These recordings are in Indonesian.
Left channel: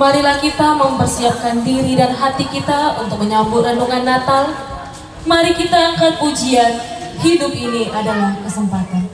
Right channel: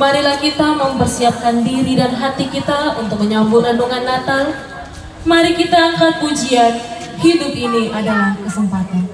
Marilah kita mempersiapkan diri dan hati kita untuk menyambut renungan Natal. Mari kita angkat pujian, hidup ini adalah kesempatan.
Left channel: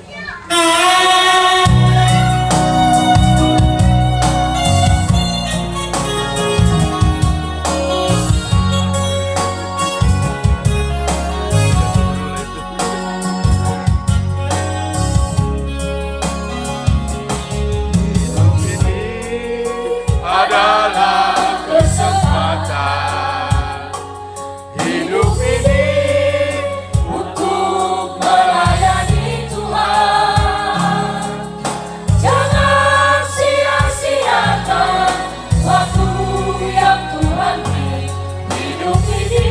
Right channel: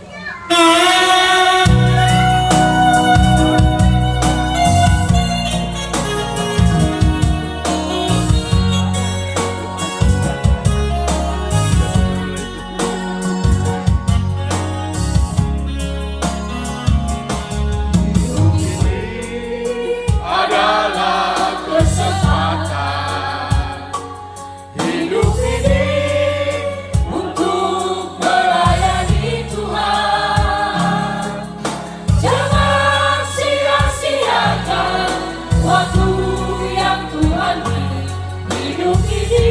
Adalah kesempatan hidup ini untuk melayani Tuhan. Jangan sia-siakan waktu yang Tuhan beri. Hidup ini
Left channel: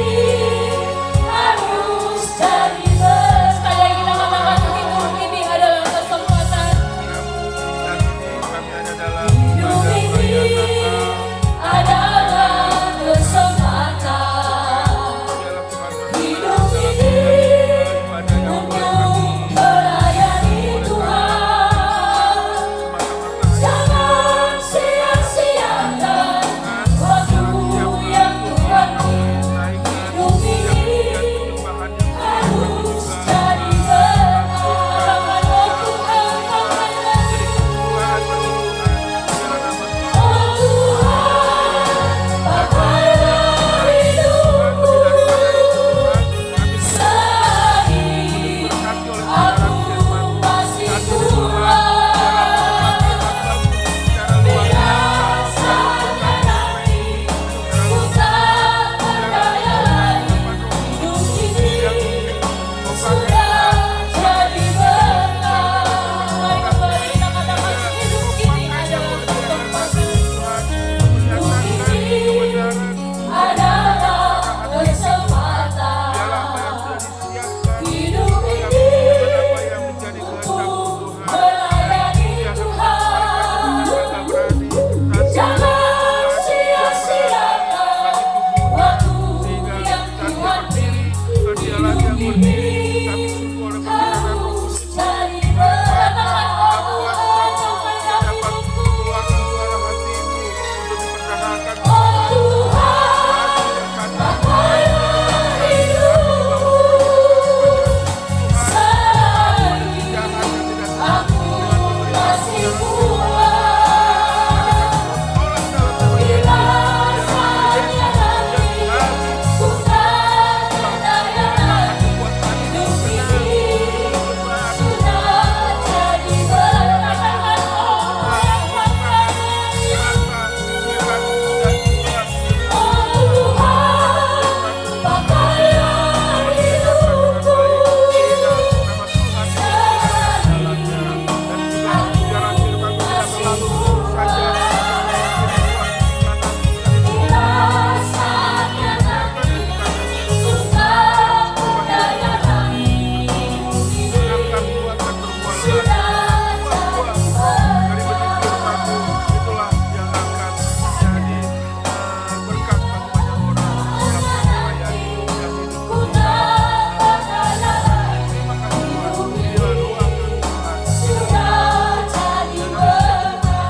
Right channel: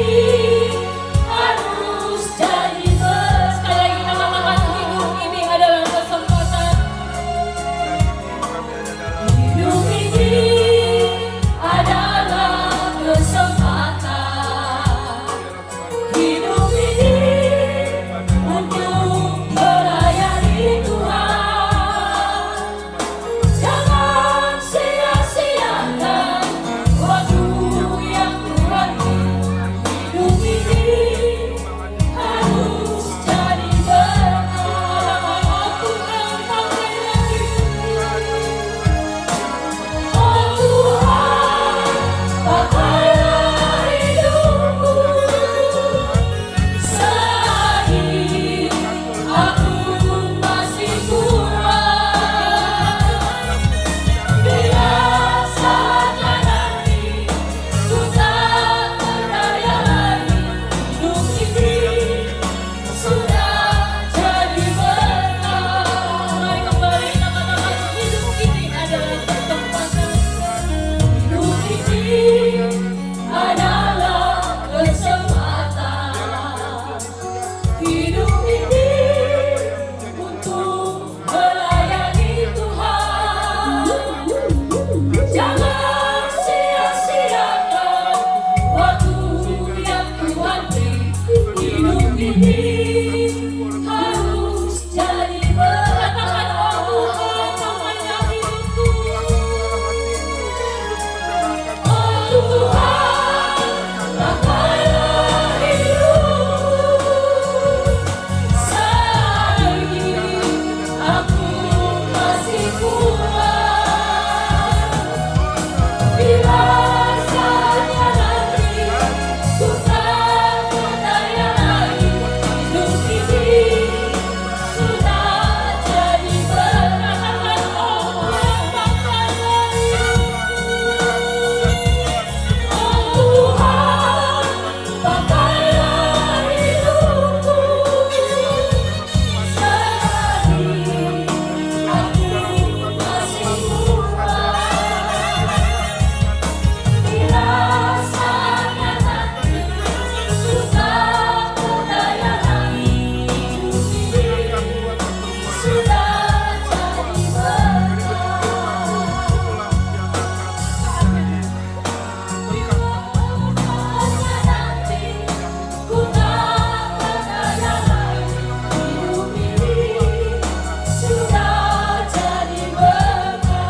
harus jadi Sekali lagi kita katakan hidup ini adalah kesempatan. hidup ini adalah kesempatan. Hidup ini untuk melayani Tuhan. Jangan sia-siakan waktu yang Tuhan beri. Hidup ini harus jadi berkah. Oh Tuhan, oh Tuhan, pakailah hidupku. Selagi aku masih kuat, binasakan nanti ku tak berdaya lagi. Hidup ini sudah jadi berkah. Mari kita katakan hidup ini adalah kesempatan. Hidup ini adalah kesempatan. Hidup ini untuk melayani Tuhan. Jangan sia-siakan waktu yang Tuhan beri. Hidup ini harus jadi berkah. Oh Tuhan, pakailah hidupku. Selagi aku masih kuat, bila saatnya nanti ku tak berdaya lagi. Hidup ini sudah jadi berkah. Oh Tuhan, pakailah hidupku. Selagi aku masih kuat, bila saatnya nanti ku tak berdaya lagi. Hidup ini sudah jadi ku tak berdaya lagi. Hidup ini sudah jadi berkah.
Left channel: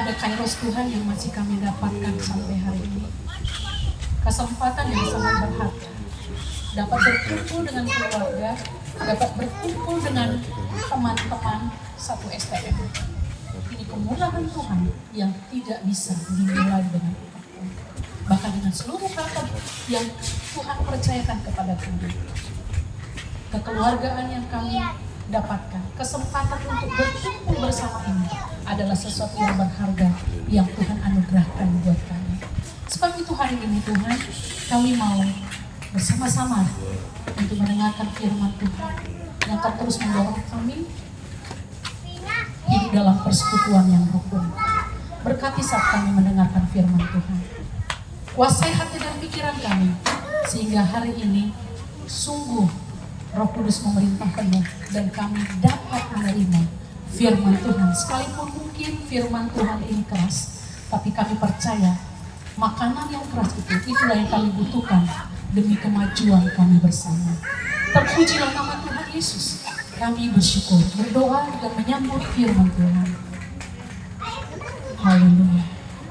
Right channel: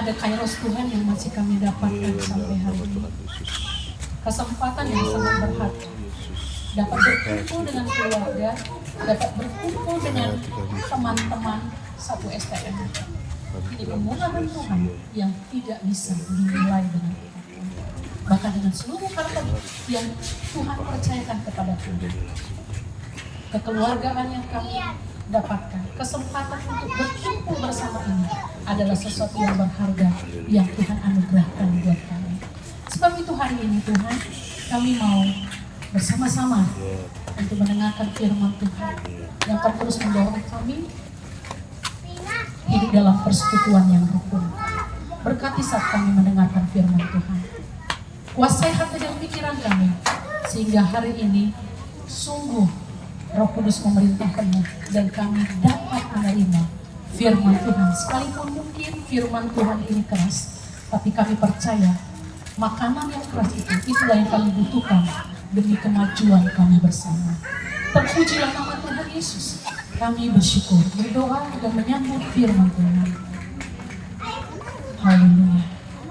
Ada kairos Tuhan yang masih kami dapatkan sampai hari ini. Kesempatan yang sangat berharga. Dapat berkumpul dengan keluarga, dapat berkumpul dengan teman-teman satu STM. Ini permulaan Tuhan yang tidak bisa dinilai dengan apapun. Bahkan dengan seluruh harta yang Tuhan percayakan kepada kami. Kekeluargaan yang kami dapatkan, kesempatan untuk berkumpul bersama ini adalah sesuatu yang berharga yang Tuhan anugerahkan buat kami. Sebab itu hari ini Tuhan, kami mau bersama-sama untuk mendengarkan firman Tuhan yang akan terus mendorong kami hidup dalam persekutuan yang rukun. Berkati saat kami mendengarkan firman Tuhan. Kuasai hati dan pikiran kami, sehingga hari ini sungguh Roh Kudus memerintah penuh dan kami dapat menerima firman Tuhan. Sekalipun mungkin firman Tuhan ini keras, tapi kami percaya makanan yang keras itulah yang kami butuhkan demi kemajuan kami bersama. Terpujilah nama Tuhan. Tuhan Yesus, kami bersyukur, berdoa dan menyambut firman Tuhan. Haleluya.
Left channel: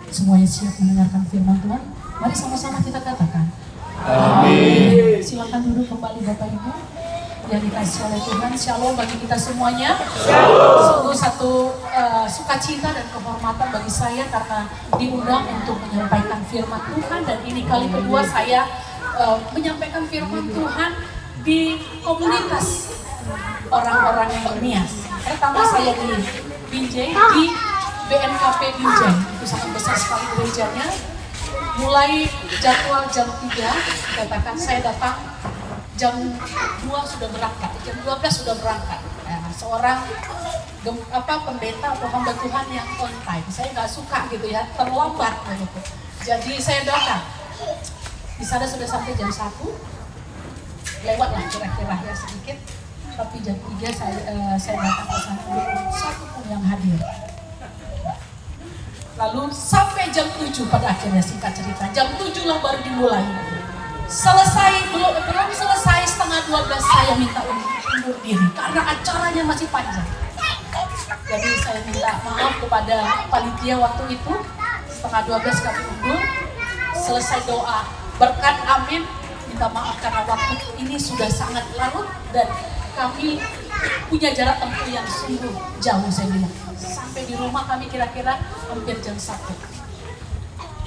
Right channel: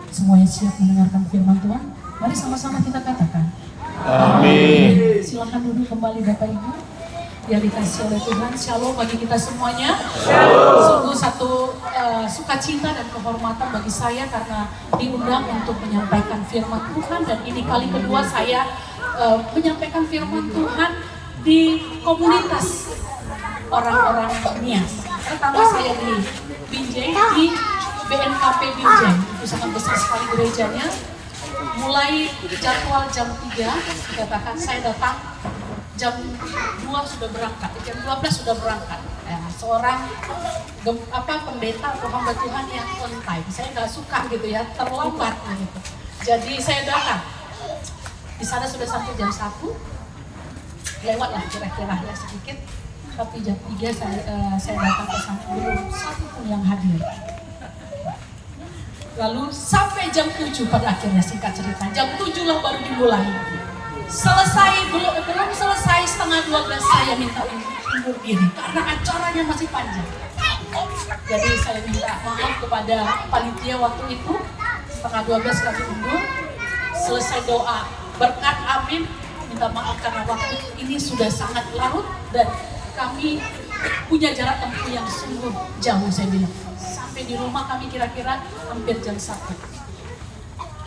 Semuanya siap mendengarkan firman Tuhan? Mari sama-sama kita katakan. Amin. Silakan duduk kembali Bapak Ibu yang dikasih oleh Tuhan. Shalom bagi kita semuanya. Sungguh satu sukacita dan kehormatan bagi saya karena diundang untuk menyampaikan firman Tuhan, dan ini kali kedua saya menyampaikan firman Tuhan di komunitas orang-orang Nias. Pertama saya di Binjai, di BNKP Binjai. Itu sangat besar sekali gerejanya. Mulai jadwal jam 3, dikatakan saya datang jam 2 sudah berangkat, jam 12 sudah berangkat. Ya, seorang pendeta atau hamba Tuhan yang on time. Saya nggak suka gitu ya, terlambat gitu. Jadi saya datang. Di sana sudah sampai jam 1, lewat lah kira-kira ya sedikit. Tapi jam 3 saya datang ke sana, belum satu pun yang hadir. Lalu sampai jam 7 pada akhirnya, singkat cerita, jam 7 lah baru dimulai. Belum selesai setengah 12 saya minta undur diri karena acaranya masih panjang. Jadi saya minta maaf kepada panitia waktu itu, setengah 12 kami undur. Selesai doa berkat amin, minta maaf karena waktu ini sudah sangat larut dan kami punya jarak tempuh yang sungguh jauh, saya bilang. Sampai di rumah kami kira-kira hampir jam 1.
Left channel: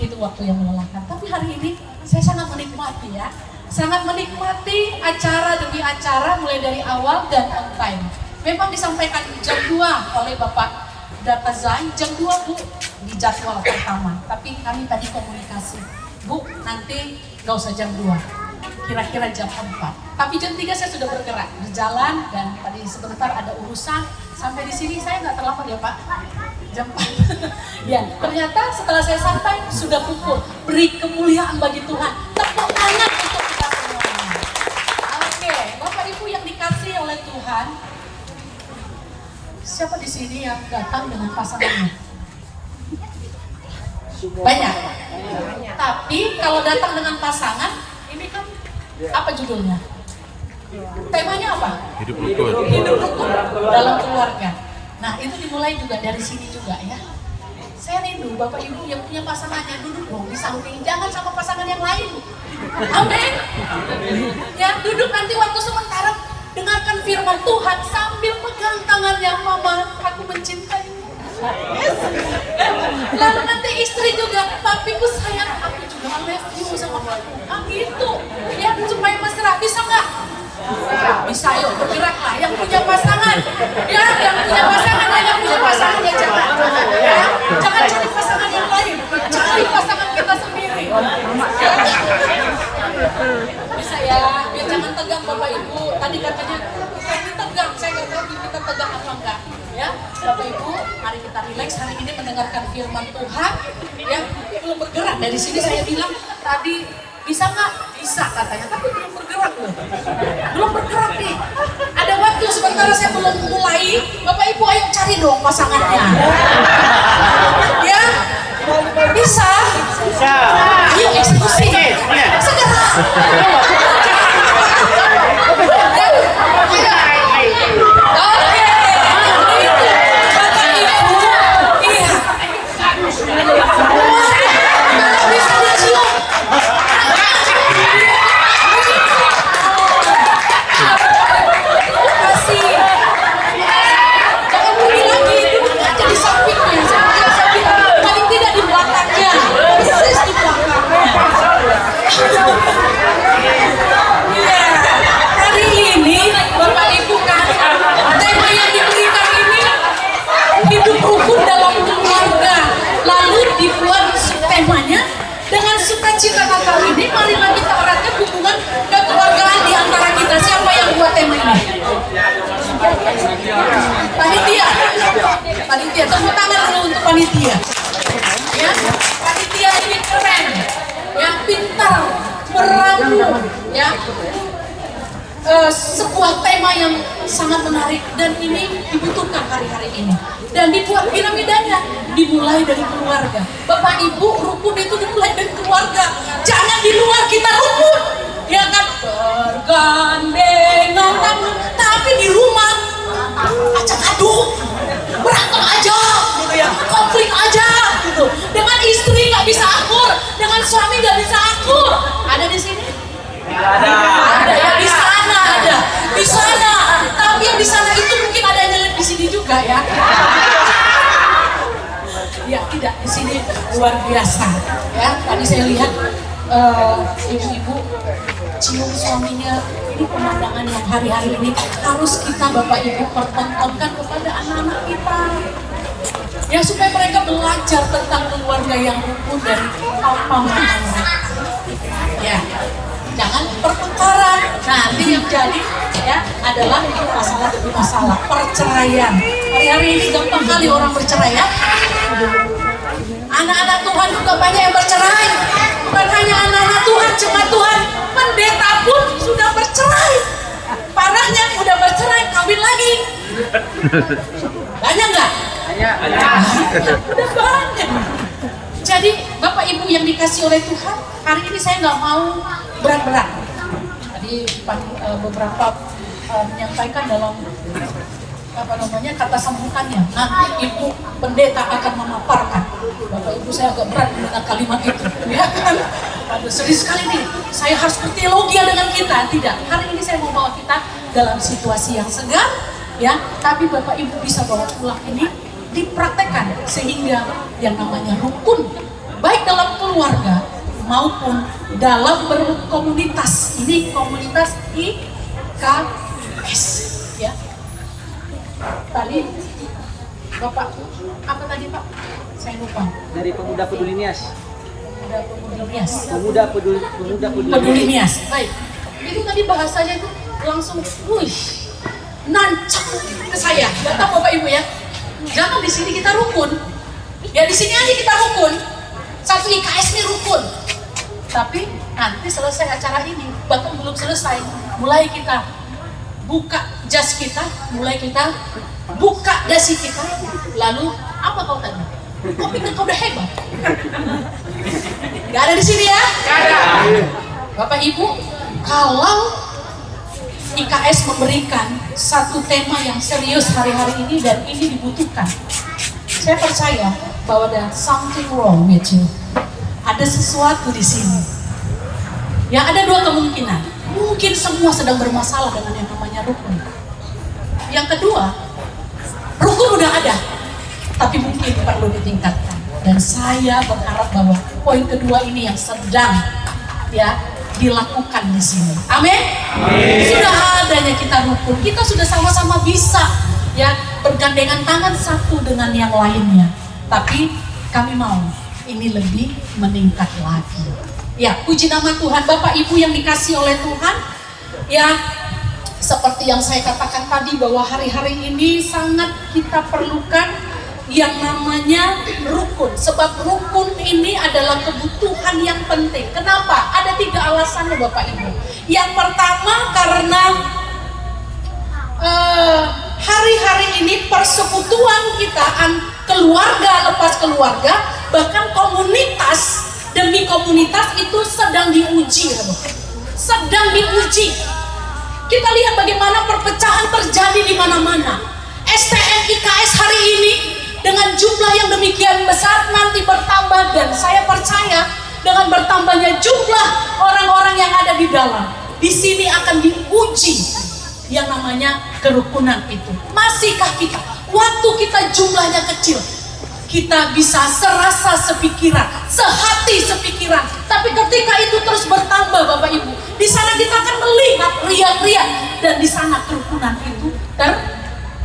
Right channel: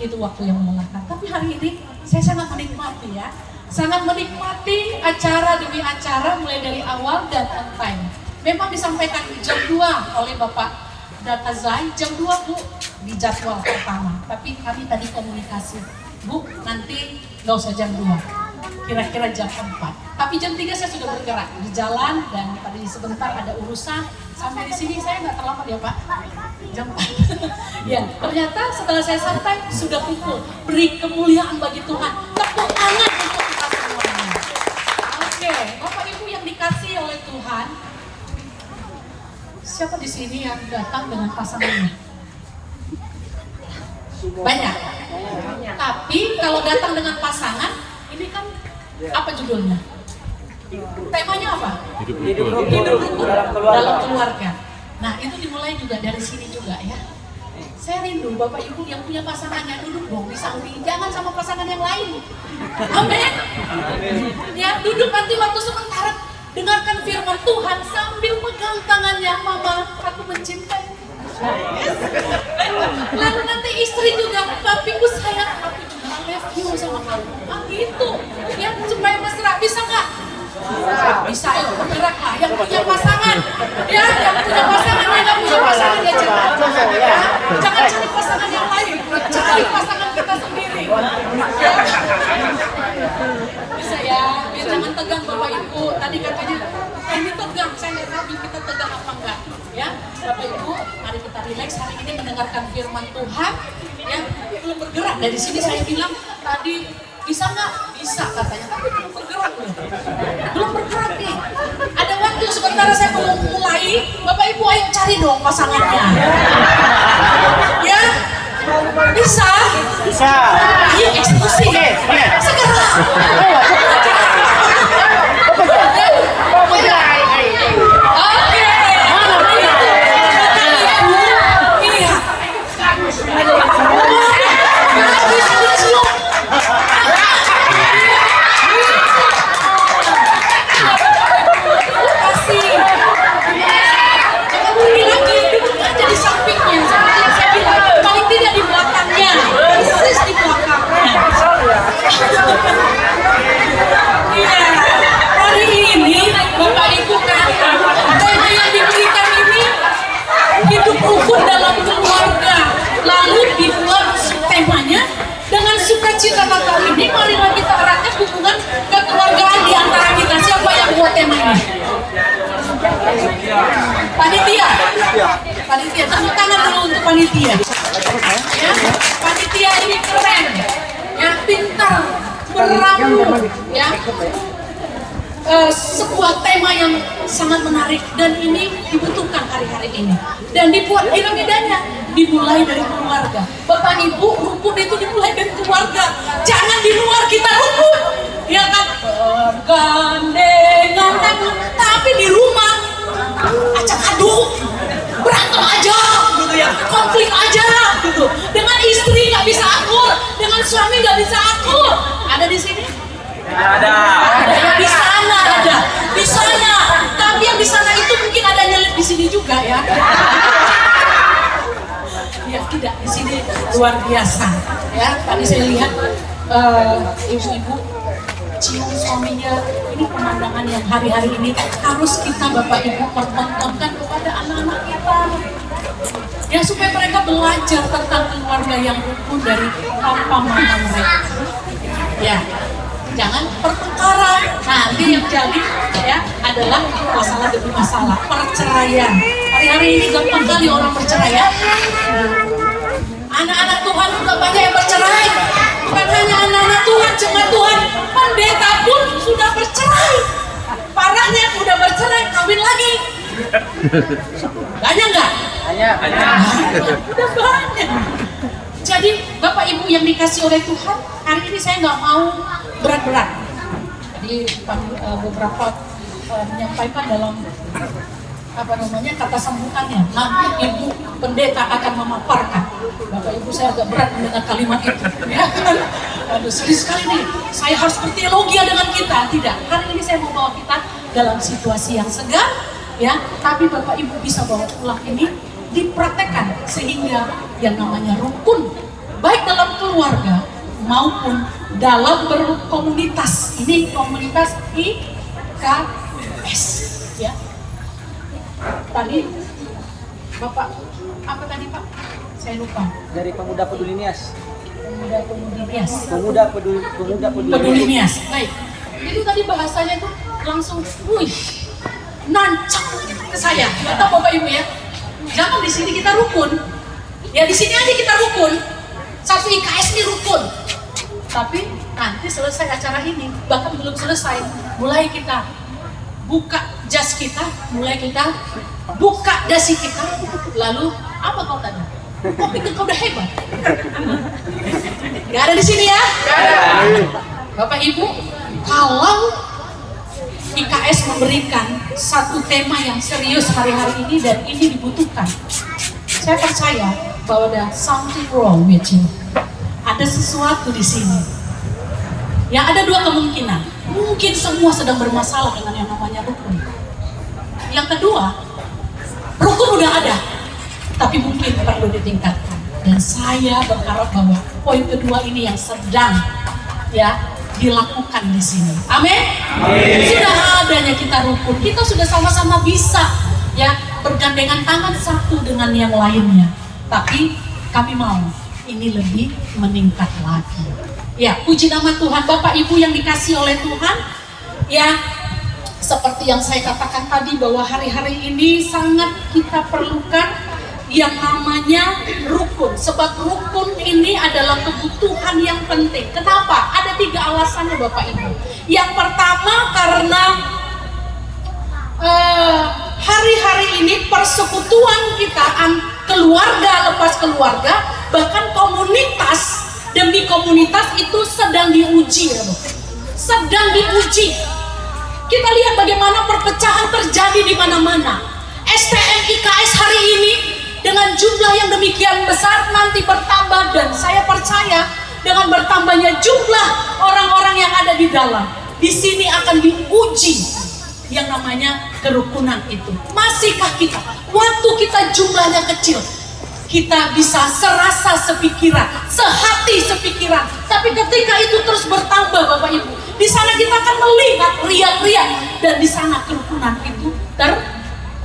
Itu waktu yang melelahkan. Tapi hari ini saya sangat menikmati ya. Sangat menikmati acara demi acara mulai dari awal dan on time. Memang disampaikan jam 2 oleh Bapak Data Zai, jam 2 Bu di jadwal pertama. Tapi kami tadi komunikasi, Bu nanti gak usah jam 2, kira-kira jam 4. Tapi jam 3 saya sudah bergerak, berjalan, dan tadi sebentar ada urusan. Sampai di sini saya nggak terlambat ya Pak, jam 4. Ya, ternyata setelah saya sampai sudah pukul. Beri kemuliaan bagi Tuhan. Tepuk tangan untuk kita semuanya. Oke, Bapak Ibu yang dikasih oleh Tuhan, siapa di sini yang datang dengan pasangannya? Banyak. Tapi kalau datang dengan pasangan, ini kan apa judulnya? Temanya apa? Hidup rukun. Hidup rukun dalam keluarga. Nah, itu dimulai juga dari sini juga ya. Saya rindu Bapak Ibu yang punya pasangannya, duduk dong di samping, jangan sama pasangan yang lain. Amin. Ya, duduk nanti waktu sementara dengarkan firman Tuhan sambil pegang tangannya, Mama, aku mencintaimu. Lalu nanti istri juga, papiku sayang, aku juga love you sama kamu. Ah gitu, ya supaya mesra, bisa nggak? Bisa, yuk bergeraklah. Yang punya pasangan, ya yang punya pasangan, yang nggak punya pasangan ya jangan, ya jangan cari pasangan yang lain, cari pasangan kita sendiri. Ya. Bisa ya, biar jangan tegang Bapak Ibu. Tadi katanya ini tegang, saya nggak tahu kita tegang apa enggak. Ya, Bapak Ibu, mari kita rileks hari ini mendengarkan firman Tuhan. Ya, belum bergerak dari sini saya bilang tadi bisa nggak? Bisa katanya, tapi belum bergerak loh. Belum bergerak nih. Ada waktu sementara saya belum mulai. Bapak Ibu ayo cari dong pasangannya. Ya, bisa. Bisa. Ayo eksekusi. Segera. Iya, hari ini Bapak Ibu kan tema yang diberikan ini hidup rukun dalam keluarga. Lalu dibuat temanya dengan sukacita Natal ini, marilah kita eratkan hubungan kekeluargaan di antara kita. Siapa yang buat tema ini? Panitia. Panitia, tepuk tangan dulu untuk panitia. Ya, panitia ini keren. Ya, pintar, meramu, ya. Sebuah tema yang sangat menarik dan ini dibutuhkan hari-hari ini. Dan dibuat piramidanya dimulai dari keluarga. Bapak Ibu, rukun itu dimulai dari keluarga. Jangan di luar kita rukun. Ya kan? Bergandengan tangan. berantem aja gitu ya, konflik aja gitu. Dengan istri nggak bisa akur, dengan suami nggak bisa akur. Ada di sini? Tidak ada. Ada yang di sana, ada di sana. Tapi yang di sana itu mungkin ada nyelip di sini juga ya. Ya tidak, di sini luar biasa ya. Tadi saya lihat ibu-ibu cium suaminya. Ini pemandangan yang hari-hari ini harus kita Bapak Ibu pertontonkan kepada anak-anak kita. Ya supaya mereka belajar tentang keluarga yang rukun dari papa mama mereka. Ya, jangan pertengkaran. Nanti yang jadi ya adalah masalah demi masalah, perceraian. Hari-hari ini gampang kali orang bercerai ya. Anak-anak Tuhan juga banyak yang bercerai. Bukan hanya anak-anak Tuhan, jemaat Tuhan, pendeta pun sudah bercerai. Parahnya udah bercerai, kawin lagi. Banyak nggak? Banyak. Udah banyak. Jadi Bapak Ibu yang dikasih oleh Tuhan, hari ini saya nggak mau berat-berat. Tadi beberapa menyampaikan dalam kata sambutannya, nanti Ibu Pendeta akan memaparkan. Bapak Ibu saya agak berat mendengar kalimat itu, ya kan? Aduh sedih sekali nih, saya harus berteologi dengan kita. Tidak, hari ini saya mau bawa kita dalam situasi yang segar, ya. Tapi Bapak Ibu bisa bawa pulang ini dipraktekkan sehingga yang namanya rukun, baik dalam keluarga maupun dalam berkomunitas. Ini komunitas IKS, ya. Tadi Bapak apa tadi Pak? Saya lupa. Dari Pemuda Peduli Nias. Peduli Nias. Pemuda Peduli Nias. Baik. Itu tadi bahasanya tuh langsung, nancap ke saya. Gak tahu Bapak Ibu ya. Jangan di sini kita rukun. Ya di sini aja kita rukun. Satu IKS ini rukun. Tapi nanti selesai acara ini, bahkan belum selesai, mulai kita buka jas kita, mulai kita buka dasi kita, lalu apa kau tadi? Kau pikir kau udah hebat? Gak ada di sini ya? Gak ada. Bapak Ibu, kalau IKS memberikan satu tema yang serius hari-hari ini dan ini dibutuhkan, saya percaya bahwa ada something wrong with you. Ada sesuatu di sini. Yang ada dua kemungkinan. Mungkin semua sedang bermasalah dengan yang namanya rukun. Yang kedua, rukun udah ada, tapi mungkin perlu ditingkatkan. Dan saya berharap bahwa poin kedua ini yang sedang ya dilakukan di sini. Amin. Sudah adanya kita rukun, kita sudah sama-sama bisa ya bergandengan tangan satu dengan yang lainnya. Tapi kami mau ini lebih meningkat lagi. Ya, puji nama Tuhan. Bapak Ibu yang dikasih oleh Tuhan, ya seperti yang saya katakan tadi bahwa hari-hari ini sangat kita perlukan yang namanya rukun. Sebab rukun ini adalah kebutuhan yang penting. Kenapa? Ada 3 alasannya Bapak Ibu. Yang pertama karena hari-hari ini persekutuan kita, keluarga lepas keluarga, bahkan komunitas demi komunitas itu sedang diuji ya Bapak. Sedang diuji. Kita lihat bagaimana perpecahan terjadi di mana-mana. STM IKS hari ini dengan jumlah yang demikian besar nanti bertambah, dan saya percaya dengan bertambahnya jumlah orang-orang yang ada di dalam, di sini akan diuji yang namanya kerukunan itu. Masihkah kita, waktu kita jumlahnya kecil, kita bisa serasa sepikiran, sehati sepikiran. Tapi ketika itu terus bertambah Bapak Ibu, di sana kita akan melihat riak-riak, dan di sana kerukunan itu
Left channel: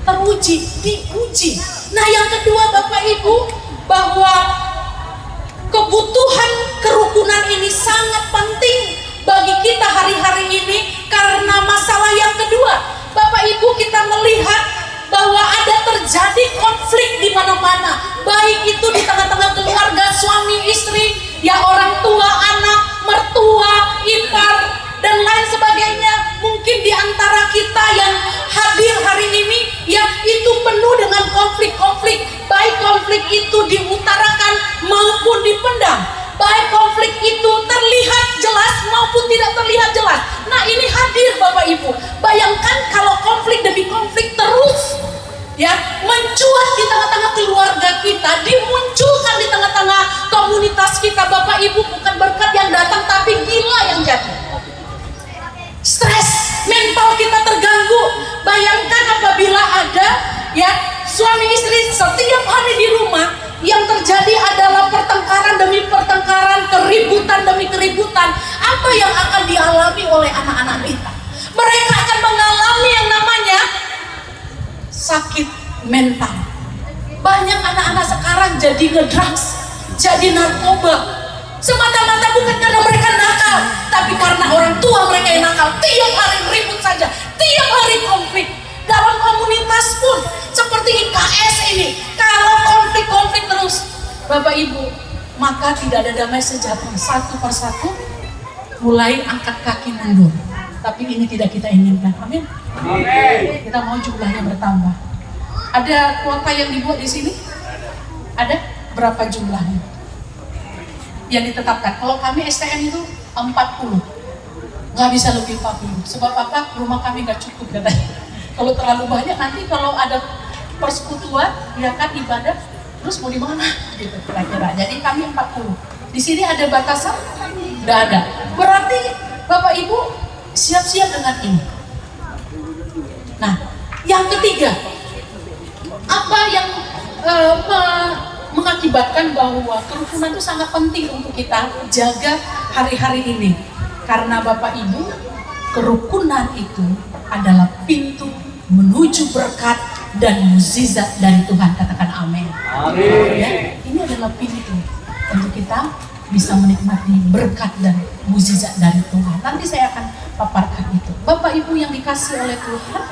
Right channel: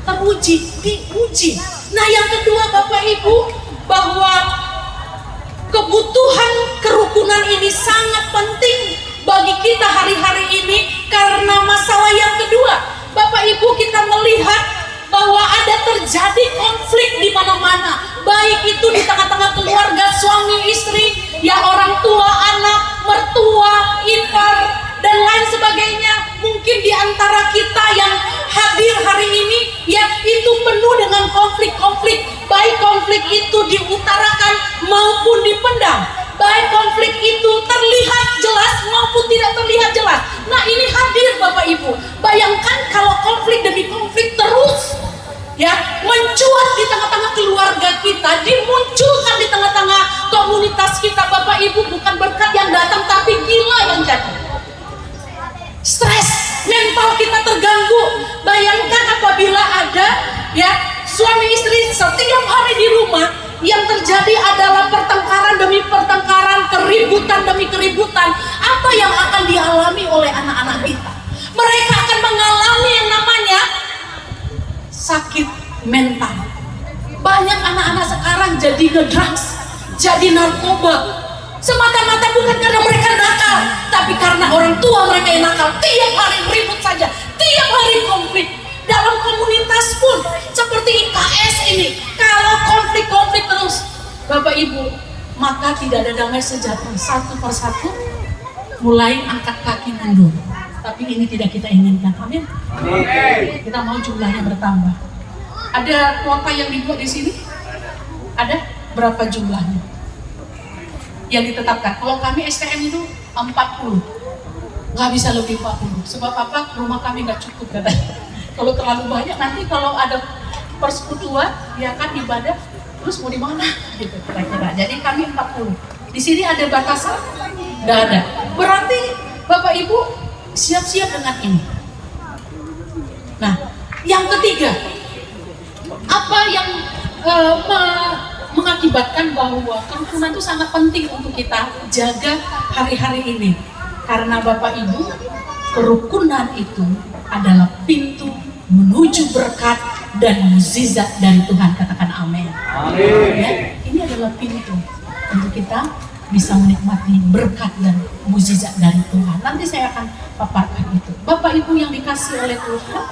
teruji, diuji. Nah yang kedua Bapak Ibu, bahwa kebutuhan kerukunan ini sangat penting bagi kita hari-hari ini karena masalah yang kedua. Bapak Ibu, kita melihat bahwa ada terjadi konflik di mana-mana, baik itu di tengah-tengah keluarga, suami istri, ya orang tua, anak, mertua, ipar, dan lain sebagainya. Mungkin di antara kita yang hadir hari ini, ya itu penuh dengan konflik-konflik, baik konflik itu diutarakan maupun dipendam, baik konflik itu terlihat jelas maupun tidak terlihat jelas. Nah ini hadir Bapak Ibu. Bayangkan kalau konflik demi konflik terus ya, mencuat di tengah-tengah keluarga kita, dimunculkan di tengah-tengah komunitas kita. Bapak Ibu, bukan berkat yang datang tapi gila yang jadi. Stres, mental kita terganggu. Bayangkan apabila ada ya suami istri setiap hari di rumah, yang terjadi adalah pertengkaran demi pertengkaran, keributan demi keributan. Apa yang akan dialami oleh anak-anak kita? Mereka akan mengalami yang namanya sakit mental. Banyak anak-anak sekarang jadi ngedrugs, jadi narkoba. Semata-mata bukan karena mereka nakal, tapi karena orang tua mereka yang nakal. Tiap hari ribut saja, tiap hari konflik. Dalam komunitas pun seperti IKS ini, kalau konflik terus, Bapak Ibu, maka tidak ada damai sejahtera. Satu persatu mulai angkat kaki mundur. Tapi ini tidak kita inginkan. Amin. Kita mau jumlahnya bertambah. Ada kuota yang dibuat di sini? Ada? Berapa jumlahnya yang ditetapkan? Kalau kami STM itu 40, nggak bisa lebih 40. Sebab apa? Rumah kami nggak cukup katanya. Kalau terlalu banyak nanti kalau ada persekutuan, ya kan ibadah, terus mau di mana? Gitu kira-kira. Jadi kami 40. Di sini ada batasan? Nggak ada. Berarti Bapak Ibu siap-siap dengan ini. Nah, yang ketiga, apa yang mengakibatkan bahwa kerukunan itu sangat penting untuk kita jaga hari-hari ini? Karena Bapak Ibu, kerukunan itu adalah pintu menuju berkat dan mukjizat dari Tuhan. Katakan amin. Ya, ini adalah pintu untuk kita bisa menikmati berkat dan mukjizat dari Tuhan. Nanti saya akan paparkan itu. Bapak Ibu yang dikasih oleh Tuhan,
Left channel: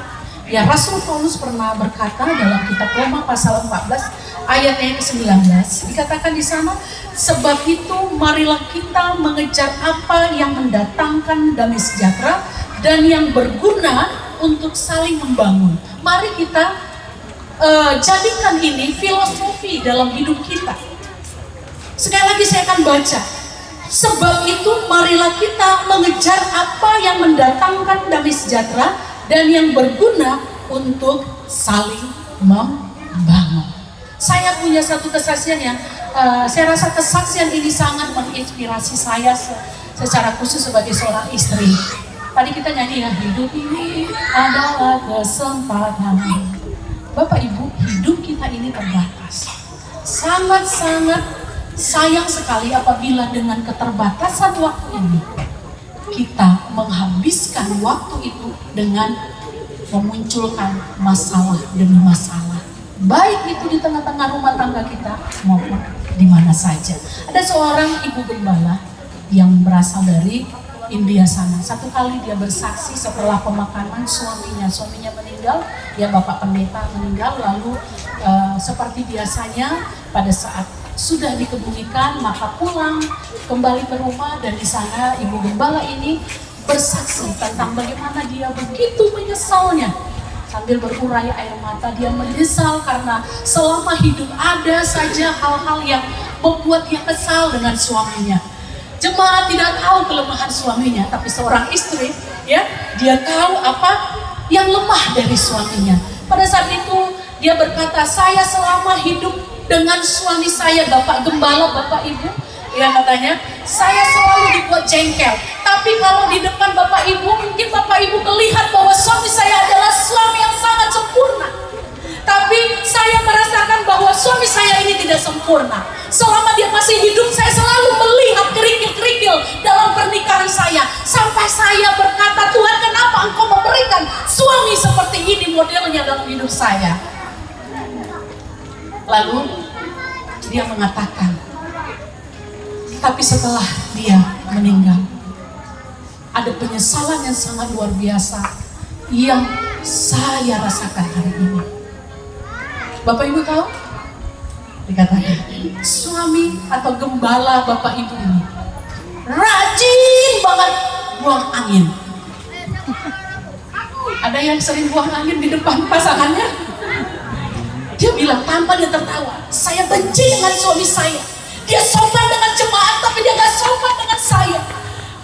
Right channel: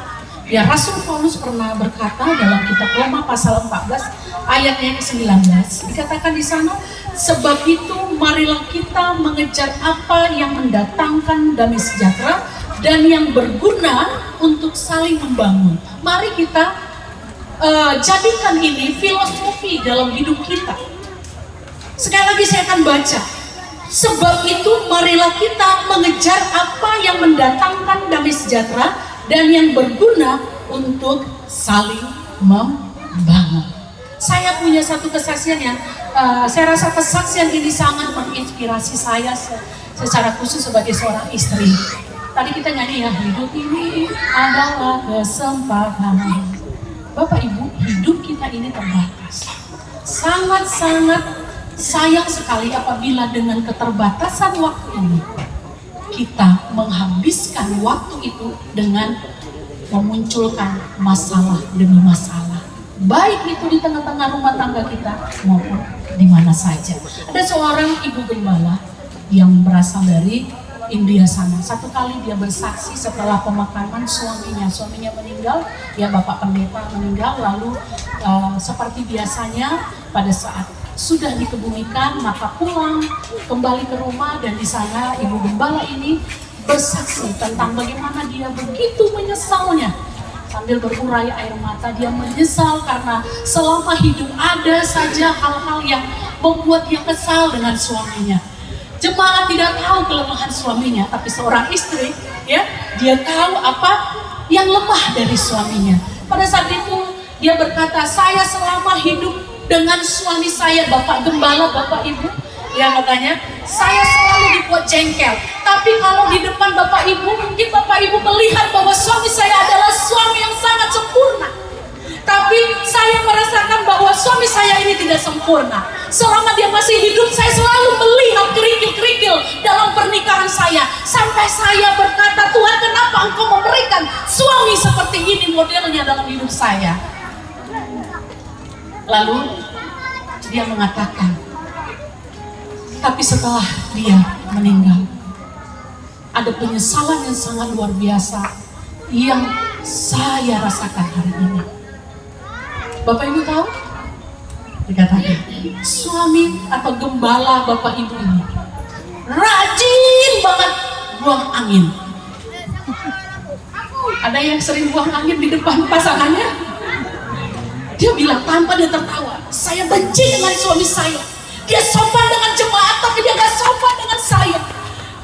ya, Rasul Paulus pernah berkata dalam kitab Roma pasal 14 ayatnya ke-19, dikatakan di sana, sebab itu marilah kita mengejar apa yang mendatangkan damai sejahtera dan yang berguna untuk saling membangun. Mari kita jadikan ini filosofi dalam hidup kita. Sekali lagi saya akan baca. Sebab itu marilah kita mengejar apa yang mendatangkan damai sejahtera dan yang berguna untuk saling membangun. Saya punya satu kesaksian yang saya rasa kesaksian ini sangat menginspirasi saya secara khusus sebagai seorang istri. Tadi kita nyanyi ya, hidup ini adalah kesempatan. Bapak Ibu, hidup kita ini terbatas. Sangat-sangat sayang sekali apabila dengan keterbatasan waktu ini kita menghabiskan waktu itu dengan memunculkan masalah demi masalah. Baik itu di tengah-tengah rumah tangga kita maupun di mana saja. Ada seorang ibu gembala yang berasal dari India sana. Satu kali dia bersaksi setelah pemakaman suaminya meninggal, ya Bapak Pendeta meninggal, lalu seperti biasanya pada saat sudah dikebumikan maka pulang kembali ke rumah, dan di sana ibu gembala ini bersaksi tentang bagaimana dia begitu menyesalnya. Sambil berurai air mata, dia menyesal karena selama hidup ada saja hal-hal yang membuat dia kesal dengan suaminya. Jemaat tidak tahu kelemahan suaminya, tapi seorang istri, ya, dia tahu apa yang lemah dari suaminya. Pada saat itu dia berkata, saya selama hidup dengan suami saya, Bapak Gembala, Bapak Ibu, ya katanya, saya selalu dibuat jengkel. Tapi kalau di depan Bapak Ibu, mungkin Bapak Ibu melihat bahwa suami saya adalah suami yang sangat sempurna. Tapi saya merasakan bahwa suami saya ini tidak sempurna. Selama dia masih hidup, saya selalu melihat kerikil-kerikil dalam pernikahan saya. Sampai saya berkata, Tuhan, kenapa Engkau memberikan suami seperti ini modelnya dalam hidup saya? Lalu dia mengatakan, tapi setelah dia meninggal, ada penyesalan yang sangat luar biasa yang saya rasakan hari ini. Bapak Ibu tahu? Dikatakan suami atau gembala Bapak Ibu ini rajin banget buang angin. Ada yang sering buang angin di depan pasangannya. Dia bilang tanpa dia tertawa, saya benci dengan suami saya. Dia sopan dengan jemaat tapi dia gak sopan dengan saya.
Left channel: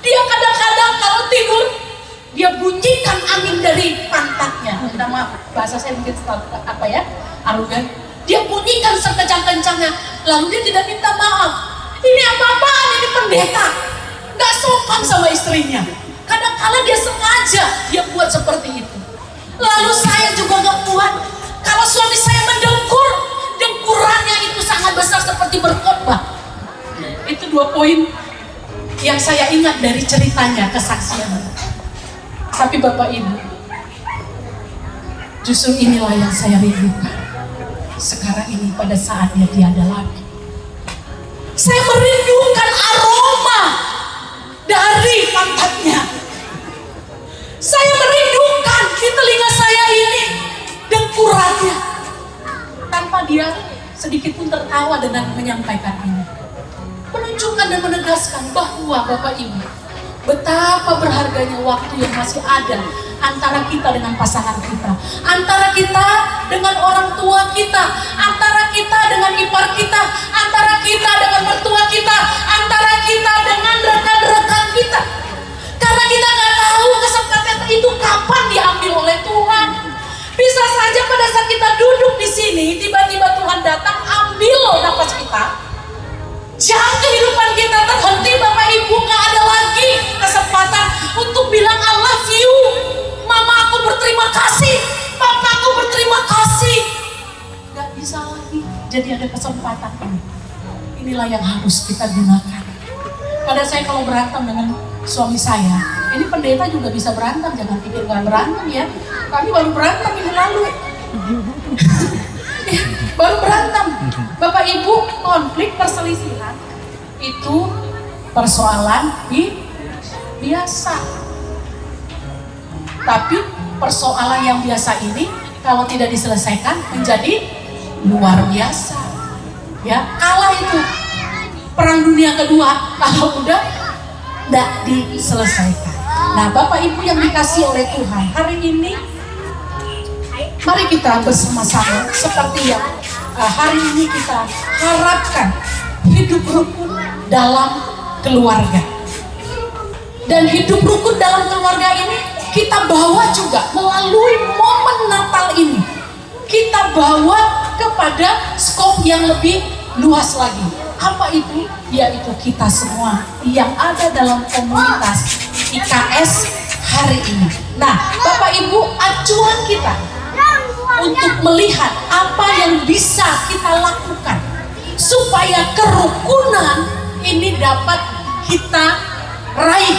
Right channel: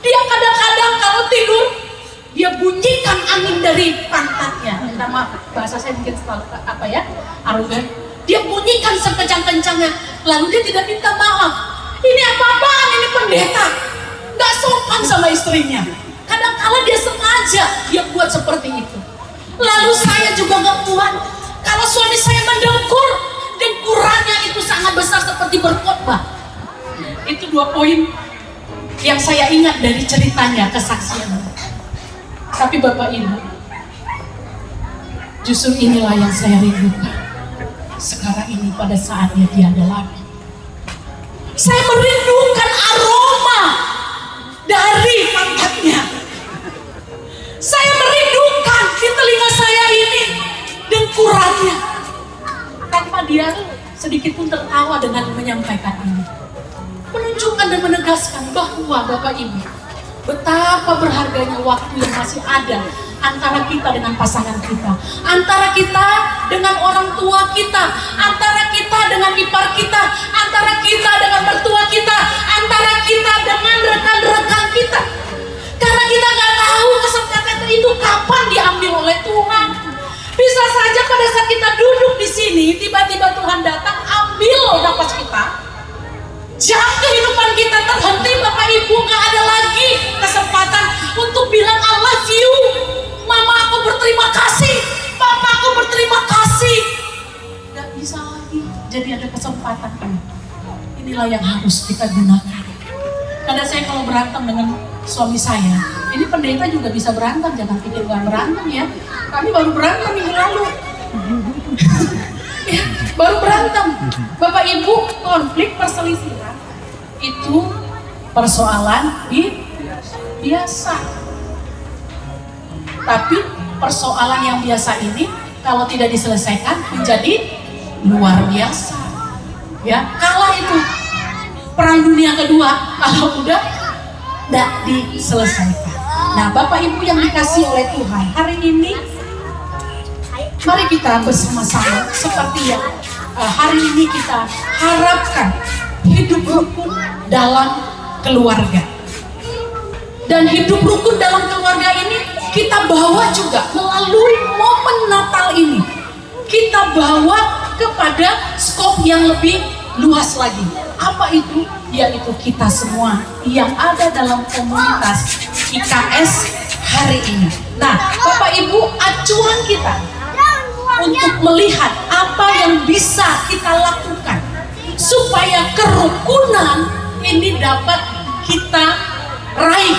Dia kadang-kadang kalau tidur dia bunyikan angin dari pantatnya. Minta maaf, bahasa saya mungkin apa ya, arogan. Dia bunyikan sekencang-kencangnya, lalu dia tidak minta maaf. Ini apa-apaan, ini pendeta. Gak sopan sama istrinya. Kadang-kala dia sengaja dia buat seperti itu. Lalu saya juga gak kuat. Kalau suami saya mendengkur, dengkurannya itu sangat besar seperti berkhotbah. Itu 2 poin yang saya ingat dari ceritanya, kesaksiannya. Tapi Bapak Ibu, justru inilah yang saya rindukan. Sekarang ini pada saatnya tiada lagi. Saya merindukan aroma dari pantatnya. Saya merindukan di telinga saya ini dengkurannya. Tanpa dia sedikit pun tertawa dengan menyampaikan ini. Menunjukkan dan menegaskan bahwa Bapak Ibu, betapa berharganya waktu yang masih ada antara kita dengan pasangan kita, antara kita dengan orang tua kita, antara kita dengan ipar kita, antara kita dengan mertua kita, antara kita dengan rekan-rekan kita. Karena kita nggak tahu kesempatan itu kapan diambil oleh Tuhan. Bisa saja pada saat kita duduk di sini, tiba-tiba Tuhan datang ambil nafas kita. Jam kehidupan kita terhenti, Bapak Ibu, gak ada lagi kesempatan untuk bilang I love you. Mama aku berterima kasih, papa aku berterima kasih. Gak bisa lagi. Jadi ada kesempatan ini. Inilah yang harus kita gunakan. Kadang saya kalau berantem dengan suami saya, ini pendeta juga bisa berantem, jangan pikir gak berantem ya. Kami baru berantem minggu lalu. Ya, baru berantem. Bapak Ibu, konflik perselisihan itu persoalan biasa. Tapi persoalan yang biasa ini kalau tidak diselesaikan menjadi luar biasa. Ya, kalah itu Perang Dunia Kedua kalau udah tidak diselesaikan. Nah, Bapak Ibu yang dikasihi oleh Tuhan, hari ini mari kita bersama-sama seperti yang hari ini kita harapkan, hidup rukun dalam keluarga. Dan hidup rukun dalam keluarga ini kita bawa juga melalui momen Natal ini. Kita bawa kepada skop yang lebih luas lagi. Apa itu? Yaitu kita semua yang ada dalam komunitas IKS hari ini. Nah, Bapak Ibu, acuan kita untuk melihat apa yang bisa kita lakukan supaya kerukunan ini dapat kita raih.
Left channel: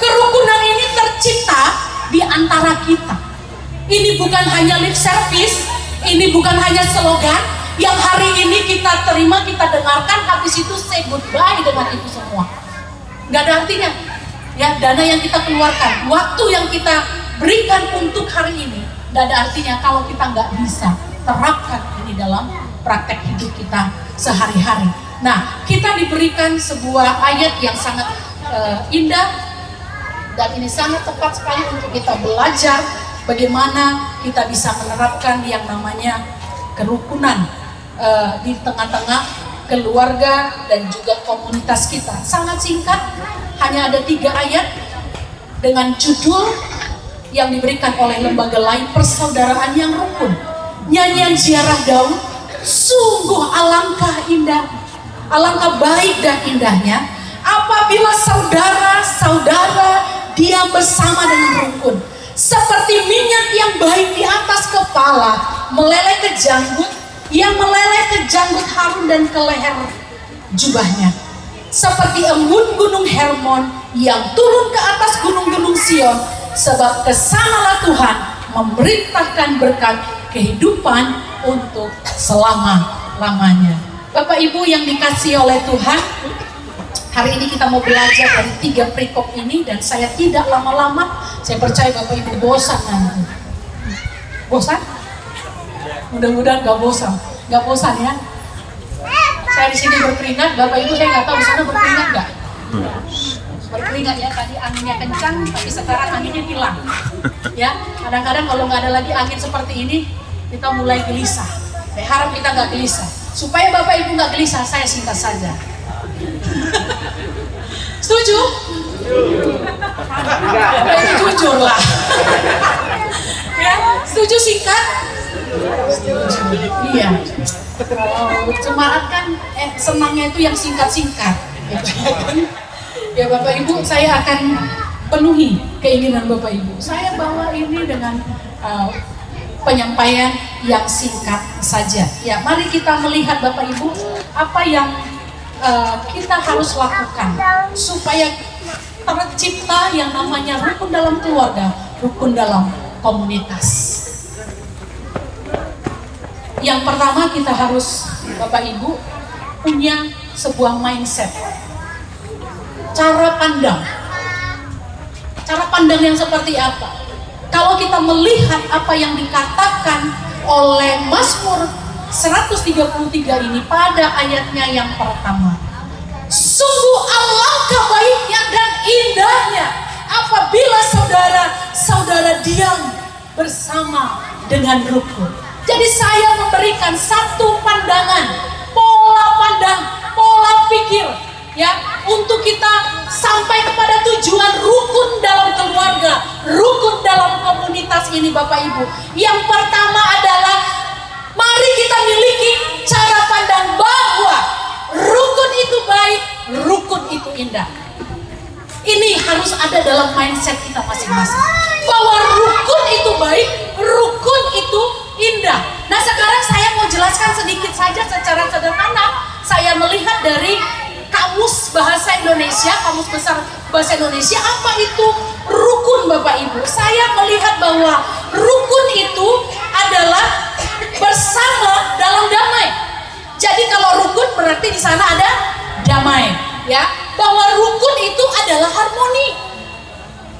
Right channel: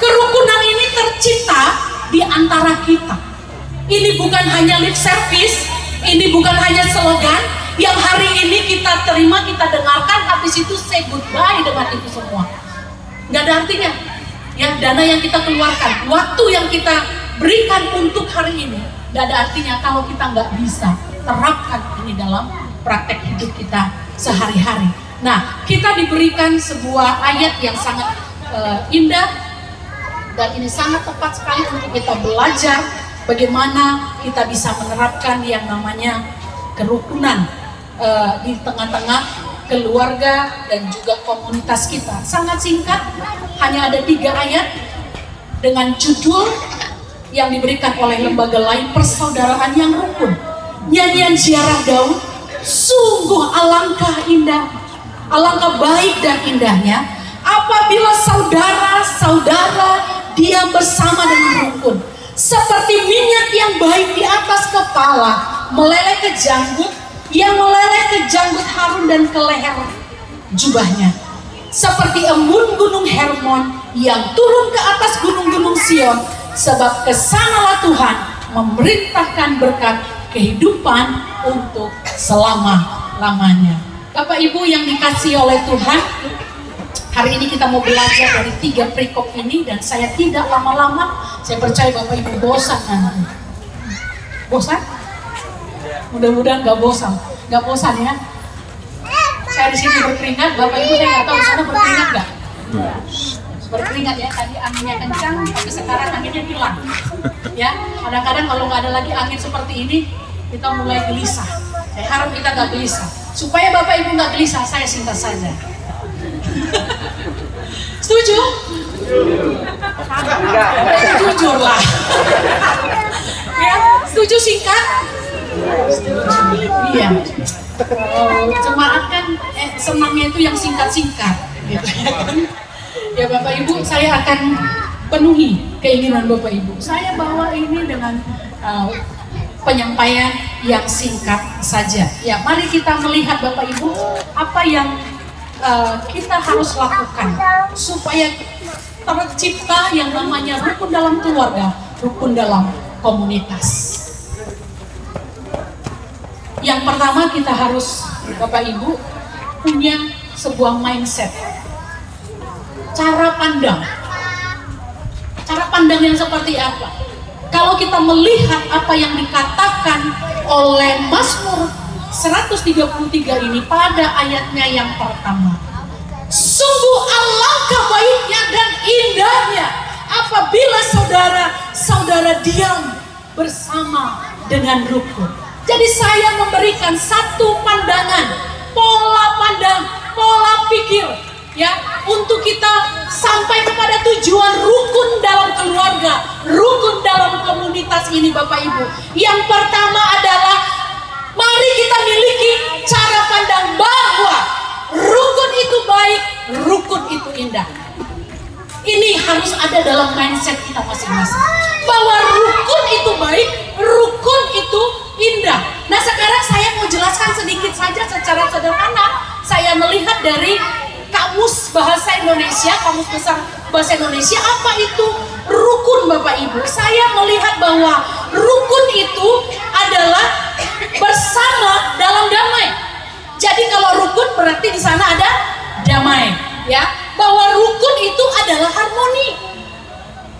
Kerukunan ini tercipta di antara kita. Ini bukan hanya lip service, ini bukan hanya slogan yang hari ini kita terima, kita dengarkan, habis itu say goodbye dengan itu semua. Nggak ada artinya. Ya, dana yang kita keluarkan, waktu yang kita berikan untuk hari ini, nggak ada artinya kalau kita nggak bisa terapkan ini dalam praktek hidup kita sehari-hari. Nah, kita diberikan sebuah ayat yang sangat indah dan ini sangat tepat sekali untuk kita belajar bagaimana kita bisa menerapkan yang namanya kerukunan di tengah-tengah keluarga dan juga komunitas kita. Sangat singkat, hanya ada 3 ayat dengan judul yang diberikan oleh lembaga lain, persaudaraan yang rukun. Nyanyian ziarah Daud, sungguh alangkah indah, alangkah baik dan indahnya apabila saudara-saudara diam bersama dengan rukun, seperti minyak yang baik di atas kepala meleleh ke janggut, yang meleleh ke janggut Harun dan ke leher jubahnya, seperti embun gunung Hermon yang turun ke atas gunung-gunung Sion, sebab kesanalah Tuhan memerintahkan berkat kehidupan untuk selama-lamanya. Bapak Ibu yang dikasihi oleh Tuhan, hari ini kita mau belajar dari 3 perikop ini dan saya tidak lama-lama, saya percaya Bapak Ibu bosan nanti. Bosan? Mudah-mudahan gak bosan ya. Saya di sini berkeringat, Bapak Ibu saya nggak tahu sana berkeringat nggak? Berkeringat ya, tadi anginnya kencang, tapi sekarang anginnya hilang. Ya, kadang-kadang kalau nggak ada lagi angin seperti ini, kita mulai gelisah. Saya harap kita nggak gelisah. Supaya Bapak Ibu nggak gelisah, saya singkat saja. Setuju? Jujur lah. Ya, setuju singkat? Iya. Jemaat kan senangnya itu yang singkat-singkat. Gitu, ya kan? Ya Bapak Ibu, saya akan penuhi keinginan Bapak Ibu. Saya bawa ini dengan penyampaian yang singkat saja. Ya, mari kita melihat Bapak Ibu apa yang kita harus lakukan supaya tercipta yang namanya rukun dalam keluarga, rukun dalam komunitas. Yang pertama kita harus Bapak Ibu punya sebuah mindset, cara pandang yang seperti apa. Kalau kita melihat apa yang dikatakan oleh Mazmur 133 ini pada ayatnya yang pertama, sungguh alangkah baiknya dan indahnya apabila saudara-saudara diam bersama dengan rukun. Jadi saya memberikan satu pandangan, pola pandang, pola pikir ya untuk kita sampai kepada tujuan rukun dalam keluarga, rukun dalam komunitas ini Bapak Ibu. Yang pertama adalah mari kita miliki cara pandang bahwa rukun itu baik, rukun itu indah. Ini harus ada dalam mindset kita masing-masing. Bahwa rukun itu baik, rukun itu indah. Nah sekarang saya mau jelaskan sedikit saja secara sederhana. Saya melihat dari Kamus Bahasa Indonesia, Kamus Besar Bahasa Indonesia, apa itu rukun Bapak Ibu? Saya melihat bahwa rukun itu adalah bersama dalam damai. Jadi kalau rukun berarti di sana ada damai, ya. Bahwa rukun itu adalah harmoni.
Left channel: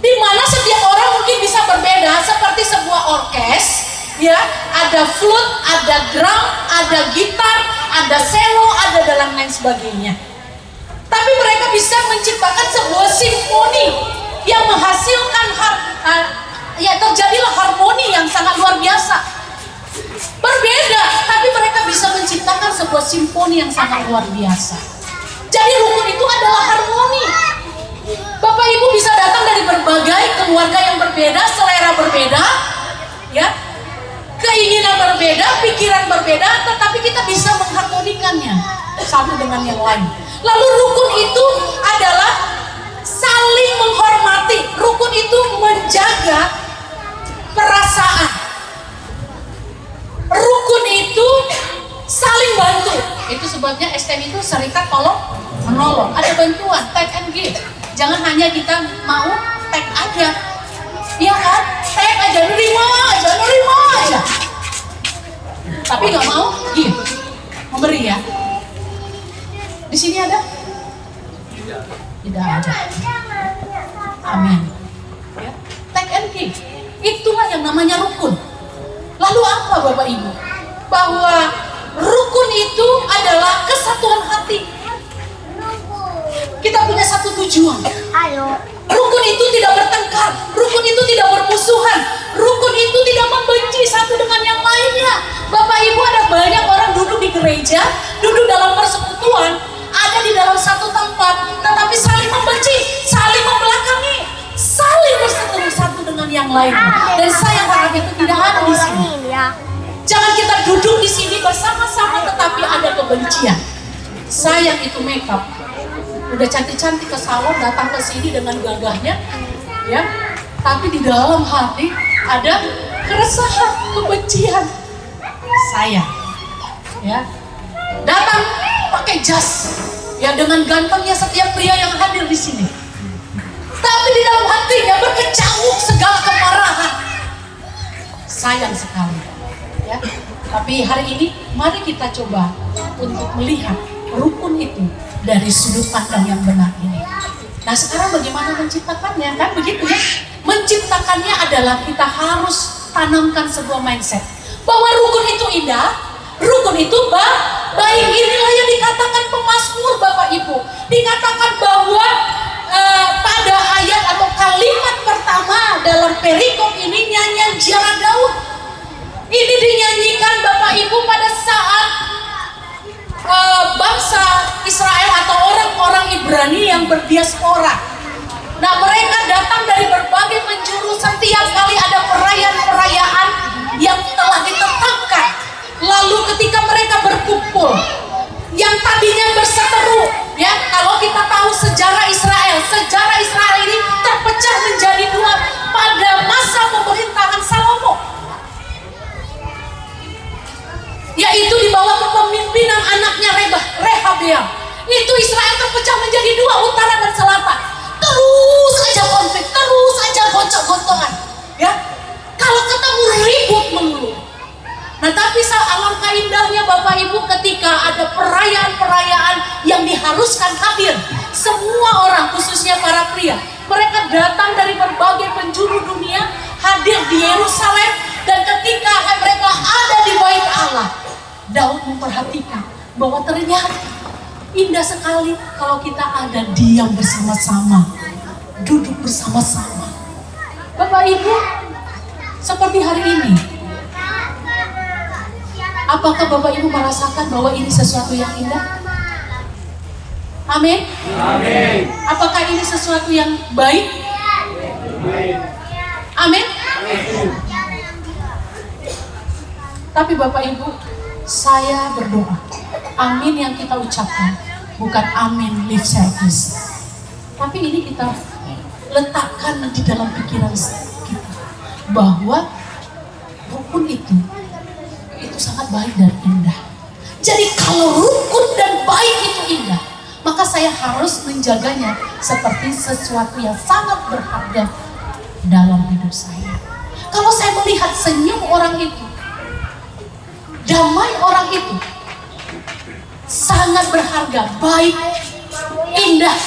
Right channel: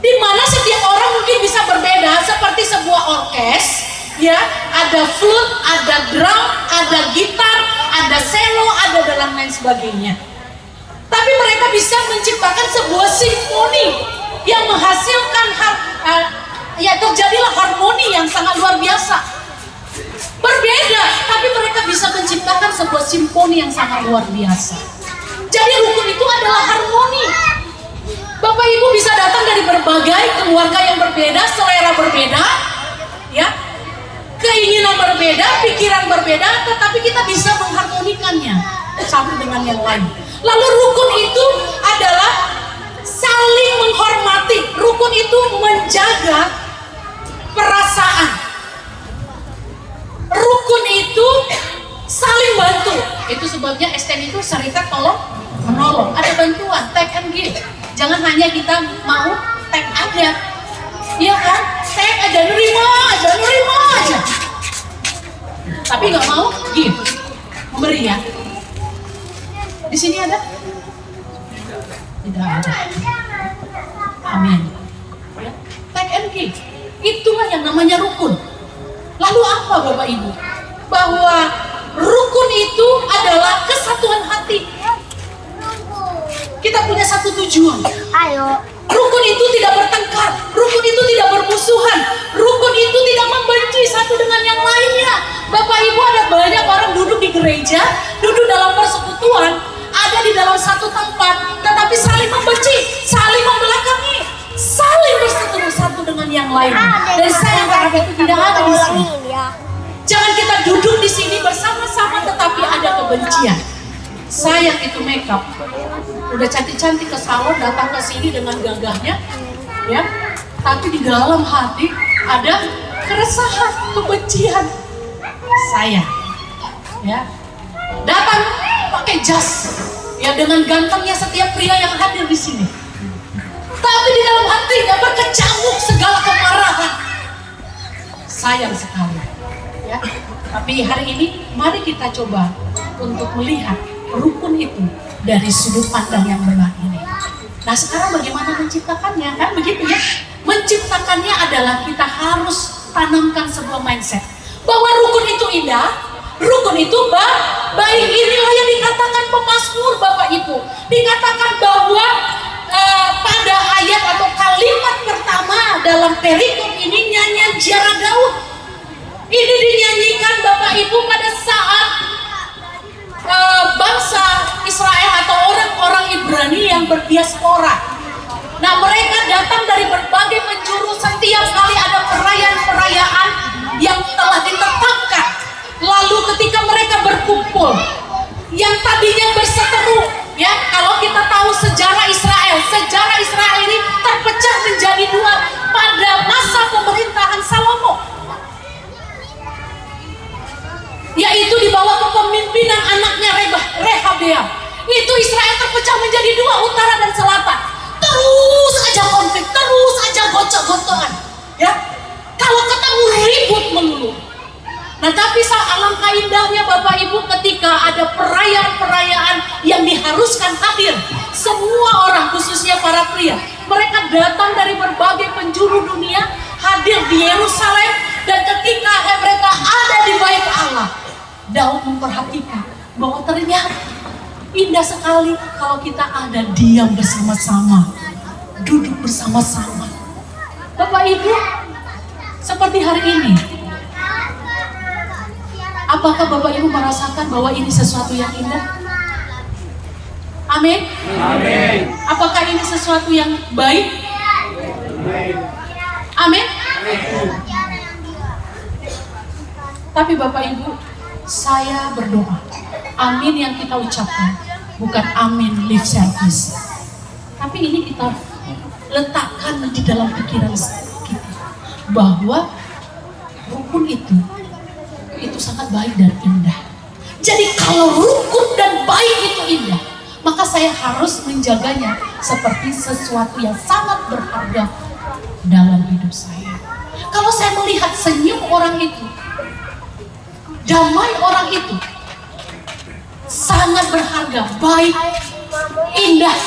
Di mana setiap orang mungkin bisa berbeda, seperti sebuah orkes, ya. Ada flute, ada drum, ada gitar, ada cello, ada dan lain sebagainya. Tapi mereka bisa menciptakan sebuah simfoni yang menghasilkan ya terjadilah harmoni yang sangat luar biasa. Berbeda, tapi mereka bisa menciptakan sebuah simfoni yang sangat luar biasa. Jadi rukun itu adalah harmoni. Bapak Ibu bisa datang dari berbagai keluarga yang berbeda, selera berbeda, ya, keinginan berbeda, pikiran berbeda, tetapi kita bisa mengharmonikannya satu dengan yang lain. Lalu rukun itu adalah saling menghormati. Rukun itu menjaga perasaan. Rukun itu saling bantu. Itu sebabnya STM itu serikat tolong menolong. Ada bantuan, take and give. Jangan hanya kita mau take aja. Iya kan? Take aja, nerima aja. Tapi nggak mau give, memberi ya. Di sini ada? Tidak ada. Amin. Ya. Take and give. Itulah yang namanya rukun. Lalu apa Bapak Ibu? Bahwa rukun itu adalah kesatuan hati. Kita punya satu tujuan. Rukun itu tidak bertengkar. Rukun itu tidak bermusuhan. Rukun itu tidak membenci satu dengan yang lainnya. Bapak Ibu, ada banyak orang duduk di gereja, duduk dalam persekutuan, ada di dalam satu tempat, tetapi saling membenci, saling membelakangi, saling berseteru satu dengan yang lainnya. Dan saya harap itu tidak ada di sini. Jangan kita duduk di sini bersama-sama tetapi ada kebencian. Saya itu makeup, udah cantik-cantik ke salon, datang ke sini dengan gagahnya, ya. Tapi di dalam hati ada keresahan, kebencian. Saya, ya, datang pakai jas, ya, dengan gantengnya setiap pria yang hadir di sini. Tapi di dalam hatinya berkecamuk segala kemarahan. Sayang sekali, ya. Tapi hari ini mari kita coba untuk melihat rukun itu dari sudut pandang yang benar ini. Nah sekarang bagaimana menciptakannya? Kan begitu ya. Menciptakannya adalah kita harus tanamkan sebuah mindset bahwa rukun itu indah, rukun itu baik. Inilah yang dikatakan pemazmur Bapak Ibu. Dikatakan bahwa pada ayat atau kalimat pertama dalam perikop ini nyanyian Ziarah Daud. Ini dinyanyikan Bapak Ibu pada saat bangsa Israel atau Ibrani yang berdiaspora. Nah, mereka datang dari berbagai penjuru. Setiap kali ada perayaan-perayaan yang telah ditetapkan. Lalu ketika mereka berkumpul, yang tadinya berseteru, ya, kalau kita tahu sejarah Israel ini terpecah menjadi dua pada masa pemerintahan Salomo, yaitu di bawah kepemimpinan anaknya Rehabeam. Itu Israel terpecah menjadi dua, utara dan selatan. Terus aja konflik, terus aja gocok-gocokan, ya. Kalau ketemu ribut melulu. Nah, tapi alangkah indahnya Bapak Ibu ketika ada perayaan-perayaan yang diharuskan hadir. Semua orang, khususnya para pria, mereka datang dari berbagai penjuru dunia, hadir di Yerusalem. Dan ketika mereka ada di bait Allah, Daud memperhatikan bahwa ternyata indah sekali kalau kita ada diam bersama-sama, duduk bersama-sama. Bapak Ibu, seperti hari ini, apakah Bapak Ibu merasakan bahwa ini sesuatu yang indah? Amin. Amin. Apakah ini sesuatu yang baik? Amin. Tapi Bapak Ibu, saya berdoa, amin yang kita ucapkan bukan amin lip service, tapi ini kita letakkan di dalam pikiran kita bahwa rukun itu sangat baik dan indah. Jadi kalau rukun dan baik itu indah, maka saya harus menjaganya seperti sesuatu yang sangat berharga dalam hidup saya. Kalau saya melihat senyum orang itu, damai orang itu, sangat berharga, baik, indah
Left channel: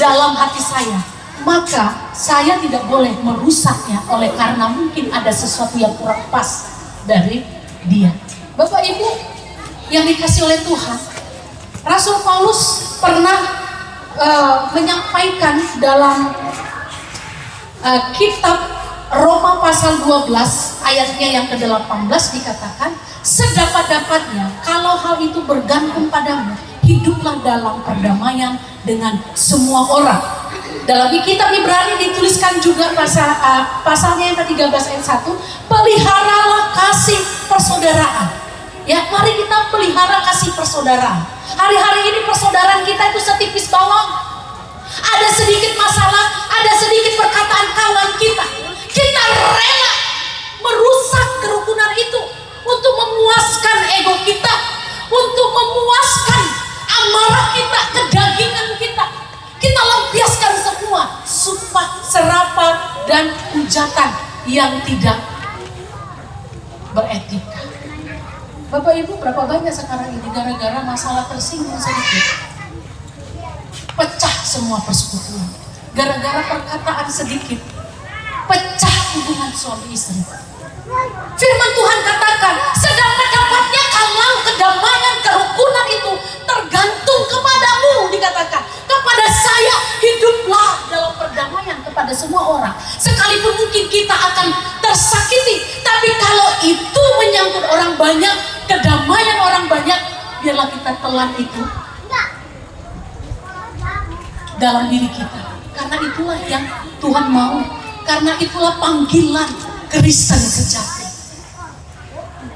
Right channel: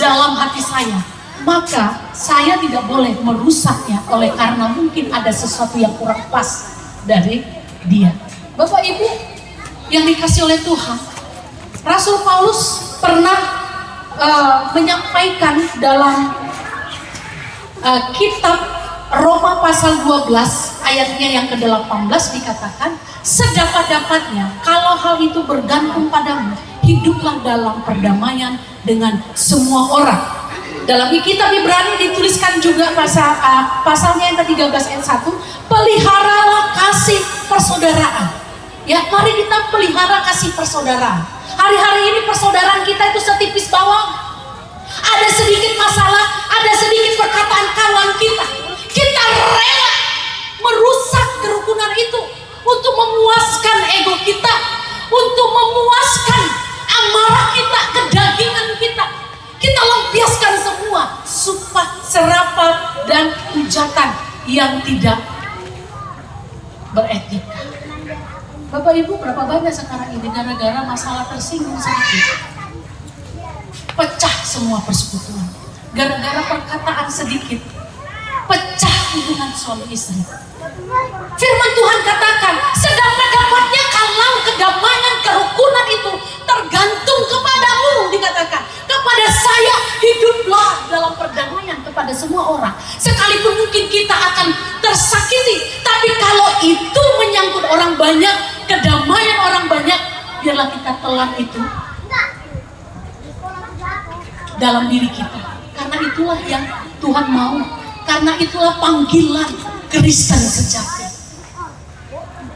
dalam hati saya, maka saya tidak boleh merusaknya oleh karena mungkin ada sesuatu yang kurang pas dari dia. Bapak Ibu yang dikasih oleh Tuhan, Rasul Paulus pernah menyampaikan dalam kitab Roma pasal 12 ayatnya yang ke-18 dikatakan, sedapat-dapatnya kalau hal itu bergantung padamu, hiduplah dalam perdamaian dengan semua orang. Dalam kitab Ibrani dituliskan juga pasalnya yang ke-13 ayat 1, peliharalah kasih persaudaraan. Ya, mari kita pelihara kasih persaudaraan. Hari-hari ini persaudaraan kita itu setipis bawang. Ada sedikit masalah, ada sedikit perkataan kawan kita, kita rela merusak kerukunan itu untuk memuaskan ego kita, untuk memuaskan amarah kita, kedagingan kita. Kita lampiaskan semua sumpah, serapah, dan hujatan yang tidak beretika. Bapak Ibu, berapa banyak sekarang ini gara-gara masalah tersinggung sedikit, pecah semua persekutuan. Gara-gara perkataan sedikit, pecah hubungan suami istri. Firman Tuhan katakan, sedapat-dapatnya kalau kedamaian kerukunan itu tergantung kepadamu, dikatakan kepada saya, hiduplah dalam perdamaian kepada semua orang. Sekalipun mungkin kita akan tersakiti, tapi kalau itu menyangkut orang banyak, kedamaian orang banyak, biarlah kita telan itu dalam diri kita. Karena itulah yang Tuhan mau, karena itulah panggilan Kristen sejati.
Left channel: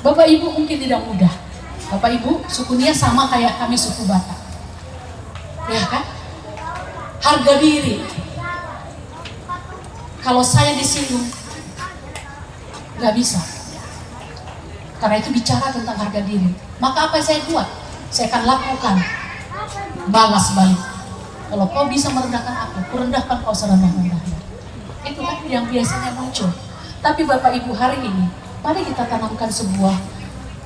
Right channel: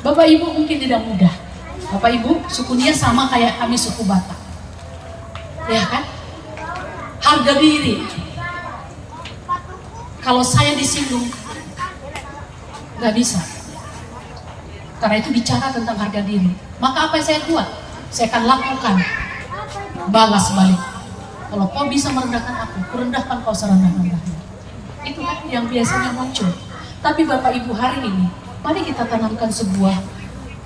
Bapak Ibu mungkin tidak mudah. Bapak Ibu suku Nia sama kayak kami suku Batak, ya kan? Harga diri. Kalau saya disinggung, nggak bisa. Karena itu bicara tentang harga diri. Maka apa yang saya buat? Saya akan lakukan balas balik. Kalau kau bisa merendahkan aku, kurendahkan kau serendah-rendahnya. Itu kan yang biasanya muncul. Tapi Bapak Ibu hari ini, mari kita tanamkan sebuah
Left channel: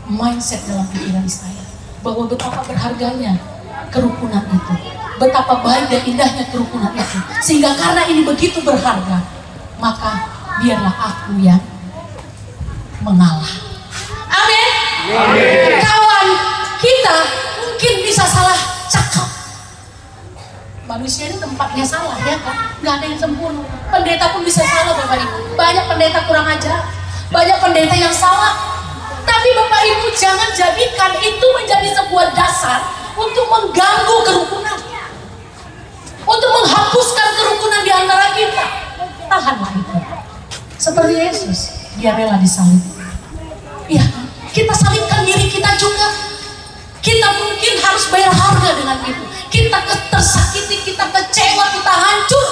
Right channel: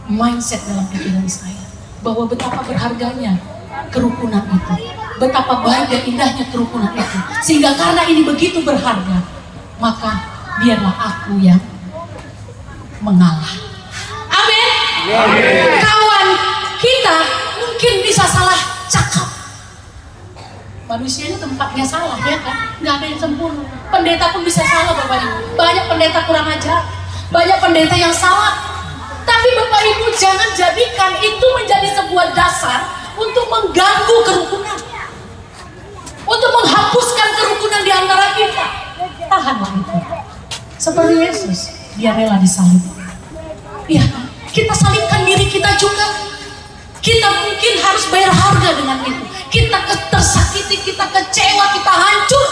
mindset dalam pikiran saya, bahwa betapa berharganya kerukunan itu, betapa baik dan indahnya kerukunan itu, sehingga karena ini begitu berharga, maka biarlah aku yang mengalah. Amin. Kawan kita mungkin bisa salah cakap. Manusia ini tempatnya salah, ya kan? Nggak ada yang sempurna. Pendeta pun bisa salah, Bapak Ibu. Banyak pendeta kurang ajar, banyak pendeta yang salah. Tapi Bapak Ibu jangan jadikan itu menjadi sebuah dasar untuk mengganggu kerukunan. Seperti Yesus, dia rela disalib. Iya kan? Kita salibkan diri kita juga. Kita mungkin harus bayar harga dengan itu. Kita tersakiti, kita kecewa, kita hancur.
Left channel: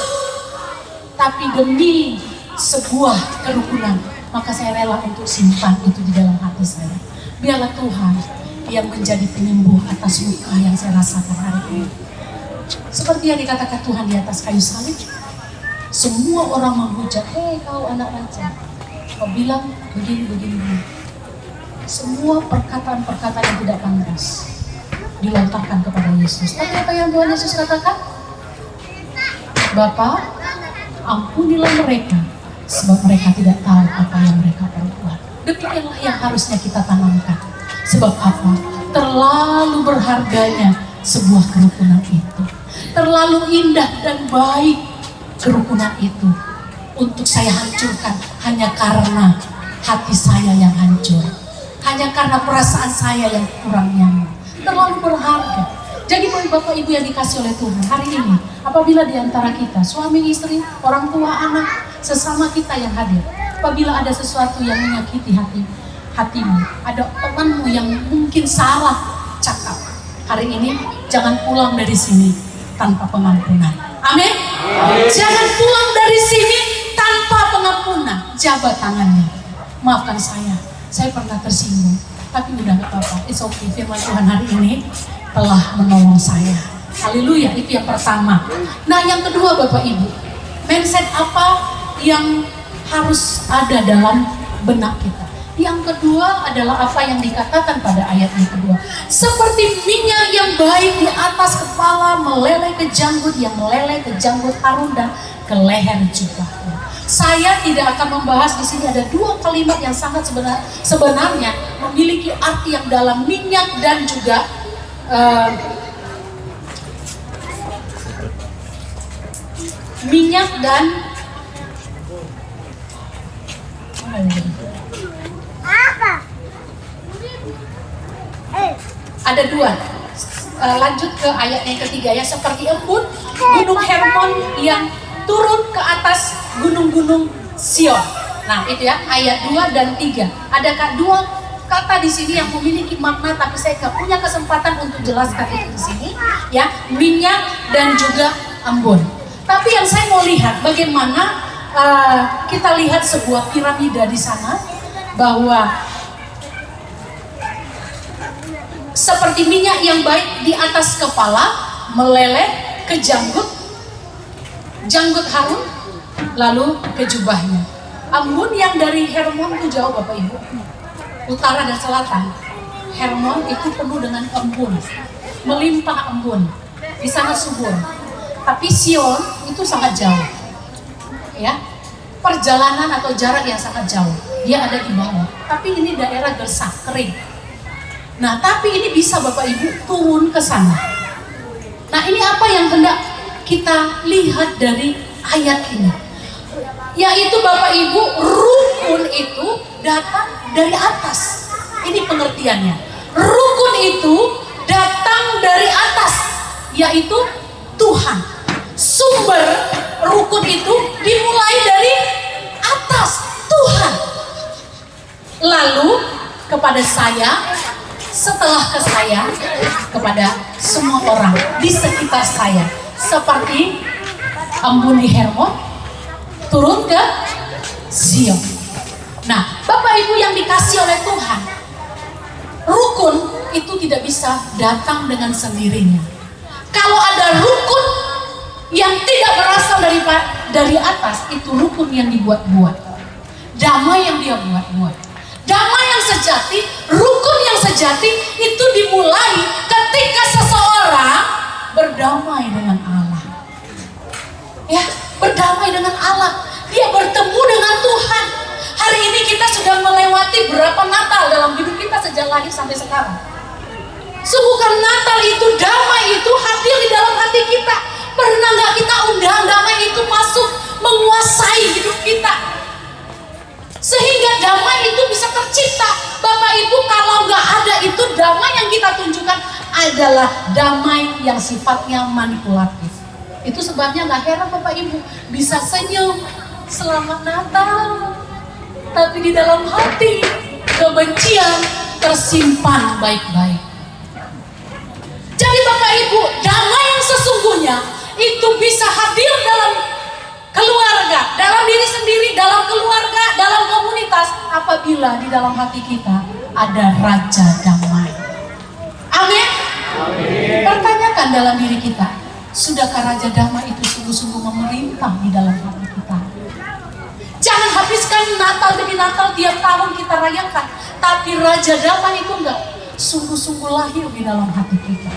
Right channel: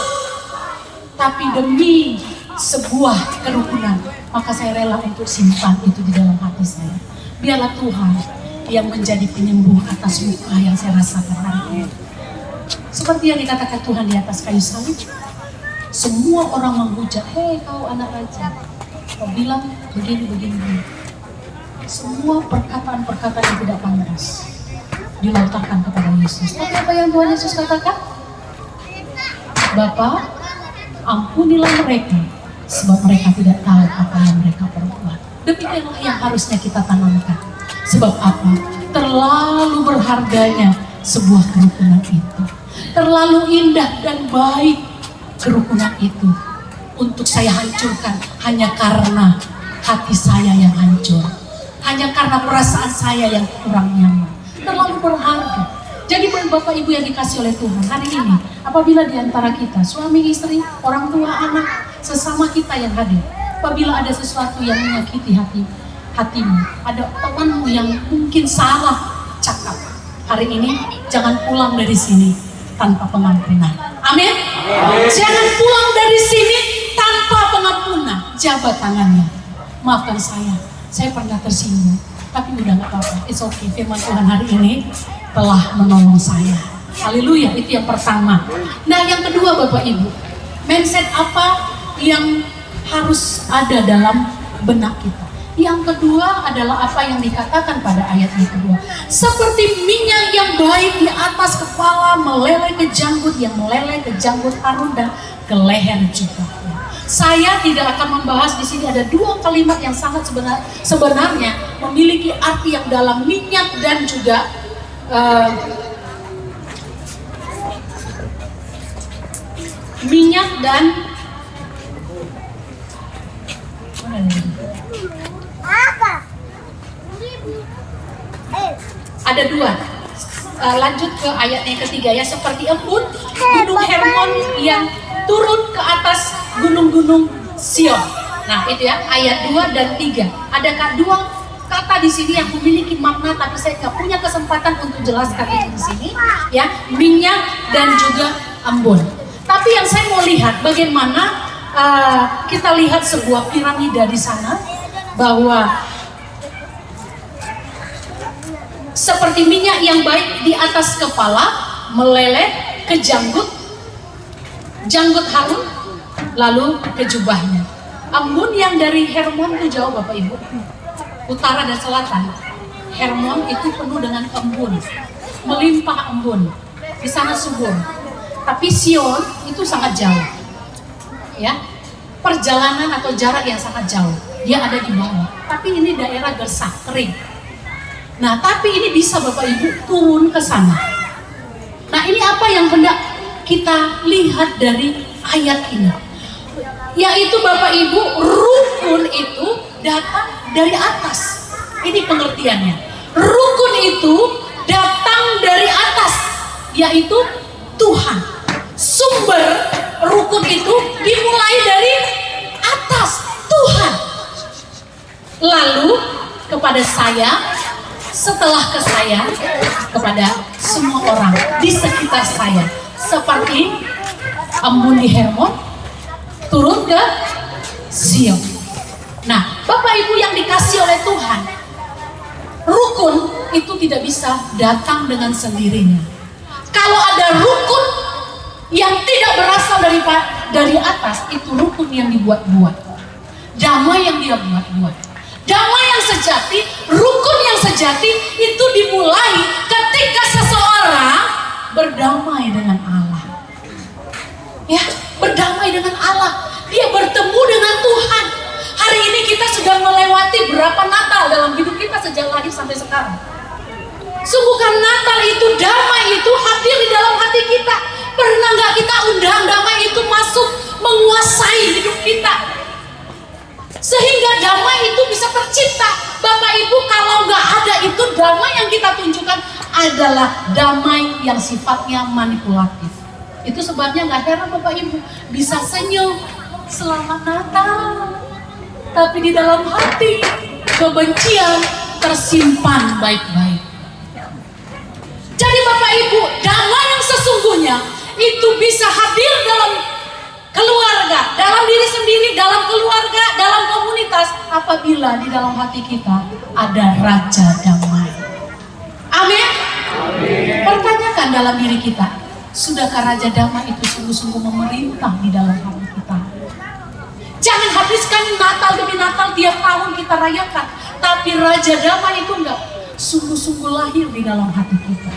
Tapi demi sebuah kerukunan, maka saya rela untuk simpan itu di dalam hati saya. Biarlah Tuhan yang menjadi penyembuh atas luka yang saya rasakan hari ini. Seperti yang dikatakan Tuhan di atas kayu salib. Semua orang menghujat, hei kau anak raja. Kau bilang begini. Semua perkataan-perkataan yang tidak pantas dilontarkan kepada Yesus. Tapi apa yang Tuhan Yesus katakan? Bapa, ampunilah mereka, sebab mereka tidak tahu apa yang mereka perbuat. Demikianlah yang harusnya kita tanamkan. Sebab apa? Terlalu berharganya sebuah kerukunan itu. Terlalu indah dan baik kerukunan itu untuk saya hancurkan hanya karena hati saya yang hancur, hanya karena perasaan saya yang kurang nyaman. Terlalu berharga. Jadi Bapak Ibu yang dikasih oleh Tuhan, hari ini apabila di antara kita, suami istri, orang tua, anak, sesama kita yang hadir, apabila ada sesuatu yang menyakiti hatimu, ada temanmu yang mungkin salah cakap, hari ini jangan pulang dari sini tanpa pengampunan. Amin. Jangan pulang dari sini tanpa pengampunan. Jabat tangannya. Maafkan saya pernah tersinggung, tapi udah gak apa-apa. It's okay, firman Tuhan hari ini telah menolong saya. Haleluya, itu yang pertama. Nah, yang kedua Bapak Ibu, mindset apa yang harus ada dalam benak kita? Yang kedua adalah apa yang dikatakan pada ayat yang kedua. Seperti minyak yang baik di atas kepala meleleh ke janggut, yang meleleh ke janggut Harun dan ke leher jubahnya. Saya tidak akan membahas di sini, ada dua kalimat yang sangat sebenarnya memiliki arti yang dalam, minyak dan juga minyak dan ada dua. Lanjut ke ayat yang ketiga ya, seperti embun gunung Hermon yang turun ke atas gunung-gunung Sion. Nah itu ya, ayat 2 dan 3. Adakah dua kata di sini yang memiliki makna, tapi saya gak punya kesempatan untuk jelaskan itu di sini ya, minyak dan juga embun. Tapi yang saya mau lihat bagaimana kita lihat sebuah piramida di sana, bahwa seperti minyak yang baik di atas kepala meleleh ke janggut Harun, lalu ke jubahnya. Embun yang dari Hermon itu jauh Bapak Ibu, utara dan selatan. Hermon itu penuh dengan embun, melimpah embun, di sana subur. Tapi Sion itu sangat jauh, ya, perjalanan atau jarak yang sangat jauh. Dia ada di bawah, tapi ini daerah gersah, kering. Nah, tapi ini bisa Bapak Ibu turun ke sana. Nah, ini apa yang hendak kita lihat dari ayat ini? Yaitu Bapak Ibu, rukun itu datang dari atas. Ini pengertiannya. Rukun itu datang dari atas, yaitu Tuhan. Sumber rukun itu dimulai dari atas, Tuhan. Lalu kepada saya, setelah ke saya, kepada semua orang di sekitar saya. Seperti embun di Hermon turun ke Sion. Nah, Bapak Ibu yang dikasih oleh Tuhan, rukun itu tidak bisa datang dengan sendirinya. Kalau ada rukun yang tidak berasal dari atas, itu rukun yang dibuat-buat, damai yang dia buat-buat. Damai yang sejati, rukun yang sejati itu dimulai ketika seseorang berdamai dengan Allah. Ya, berdamai dengan Allah. Dia bertemu dengan Tuhan. Hari ini kita sudah melewati berapa Natal dalam hidup kita sejak lahir sampai sekarang. Sungguhkan Natal itu, damai itu hadir di dalam hati kita. Pernah nggak kita undang damai itu masuk menguasai hidup kita? Sehingga damai itu bisa tercipta. Bapak Ibu, kalau nggak ada itu, damai yang kita tunjukkan adalah damai yang sifatnya manipulatif. Itu sebabnya nggak heran Bapak Ibu bisa senyum, selamat Natal, tapi di dalam hati kebencian tersimpan baik-baik. Jadi Bapak Ibu, damai yang sesungguhnya itu bisa hadir dalam keluarga, dalam diri sendiri, dalam keluarga, dalam komunitas, apabila di dalam hati kita ada Raja Damai. Amin. Pertanyakan dalam diri kita, sudahkah Raja Damai itu sungguh-sungguh memerintah di dalam hati kita? Jangan habiskan Natal demi Natal tiap tahun kita rayakan, tapi Raja Damai itu enggak sungguh-sungguh lahir di dalam hati kita.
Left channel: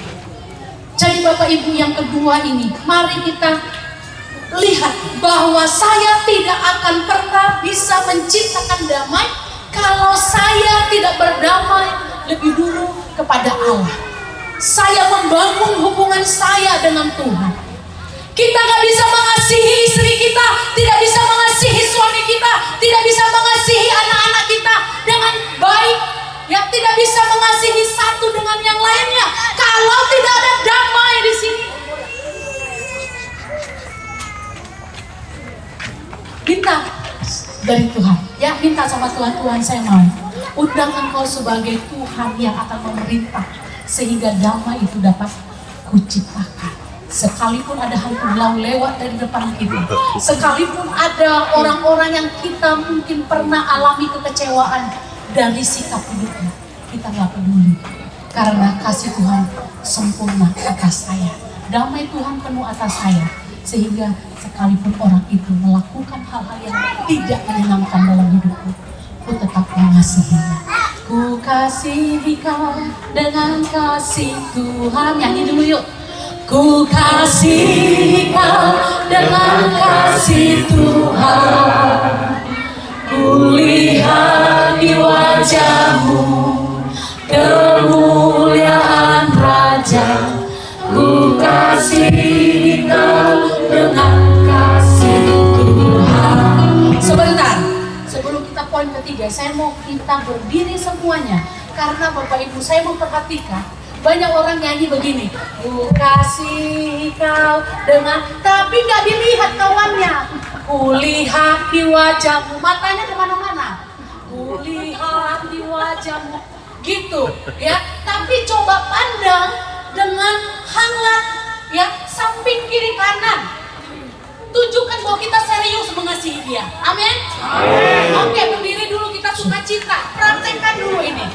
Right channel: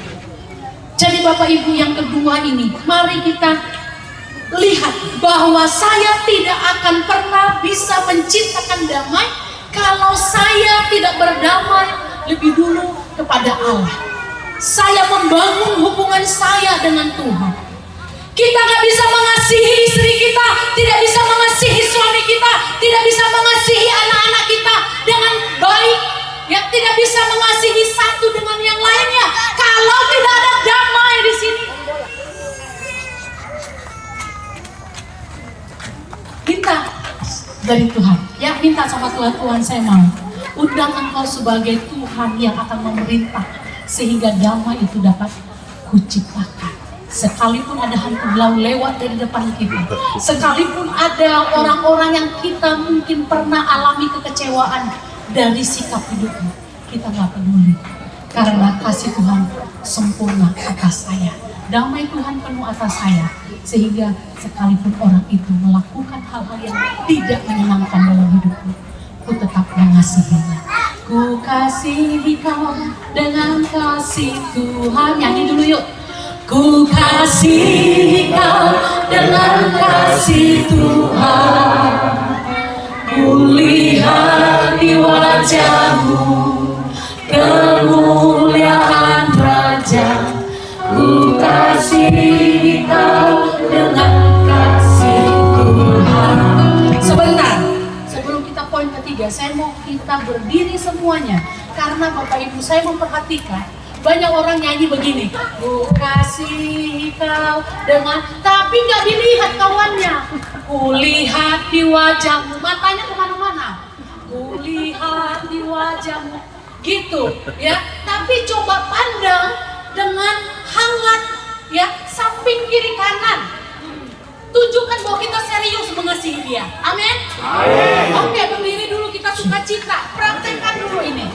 Jadi Bapak Ibu, yang kedua ini, mari kita lihat bahwa saya tidak akan pernah bisa menciptakan damai kalau saya tidak berdamai lebih dulu kepada Allah. Saya membangun hubungan saya dengan Tuhan. Kita gak bisa mengasihi istri kita, tidak bisa mengasihi suami kita, tidak bisa mengasihi anak-anak kita dengan baik, ya, tidak bisa mengasihi satu dengan yang lainnya kalau tidak ada damai di sini. Minta dari Tuhan, ya, minta sama Tuhan, Tuhan saya mau undang Engkau sebagai Tuhan yang akan memerintah sehingga damai itu dapat kuciptakan. Sekalipun ada hantu belau lewat dari depan kita, sekalipun ada orang-orang yang kita mungkin pernah alami kekecewaan dari sikap hidupnya, kita gak peduli, karena kasih Tuhan sempurna atas saya, damai Tuhan penuh atas saya, sehingga sekalipun orang itu melakukan hal-hal yang tidak menyenangkan dalam hidupku, ku tetap mengasihinya. Ku kasihi kau dengan kasih Tuhan. Nyanyi dulu yuk. Ku kasihi kau dengan kasih Tuhan. Ku lihat di wajahmu kemuliaan Raja. Ku kasihi kau dengan kasih Tuhan. Sebentar, sebelum kita poin ketiga, saya mau kita berdiri semuanya. Karena Bapak Ibu, saya memperhatikan banyak orang nyanyi begini, ku kasihi kau dengan, tapi nggak dilihat kawannya. Ku lihat di wajahmu, matanya kemana-mana. Ku lihat di wajahmu, gitu ya. Tapi coba pandang dengan hangat, ya, samping kiri kanan. Tunjukkan bahwa kita serius mengasihi dia. Amin. Oke, berdiri dulu, kita sukacita. Praktekkan dulu ini.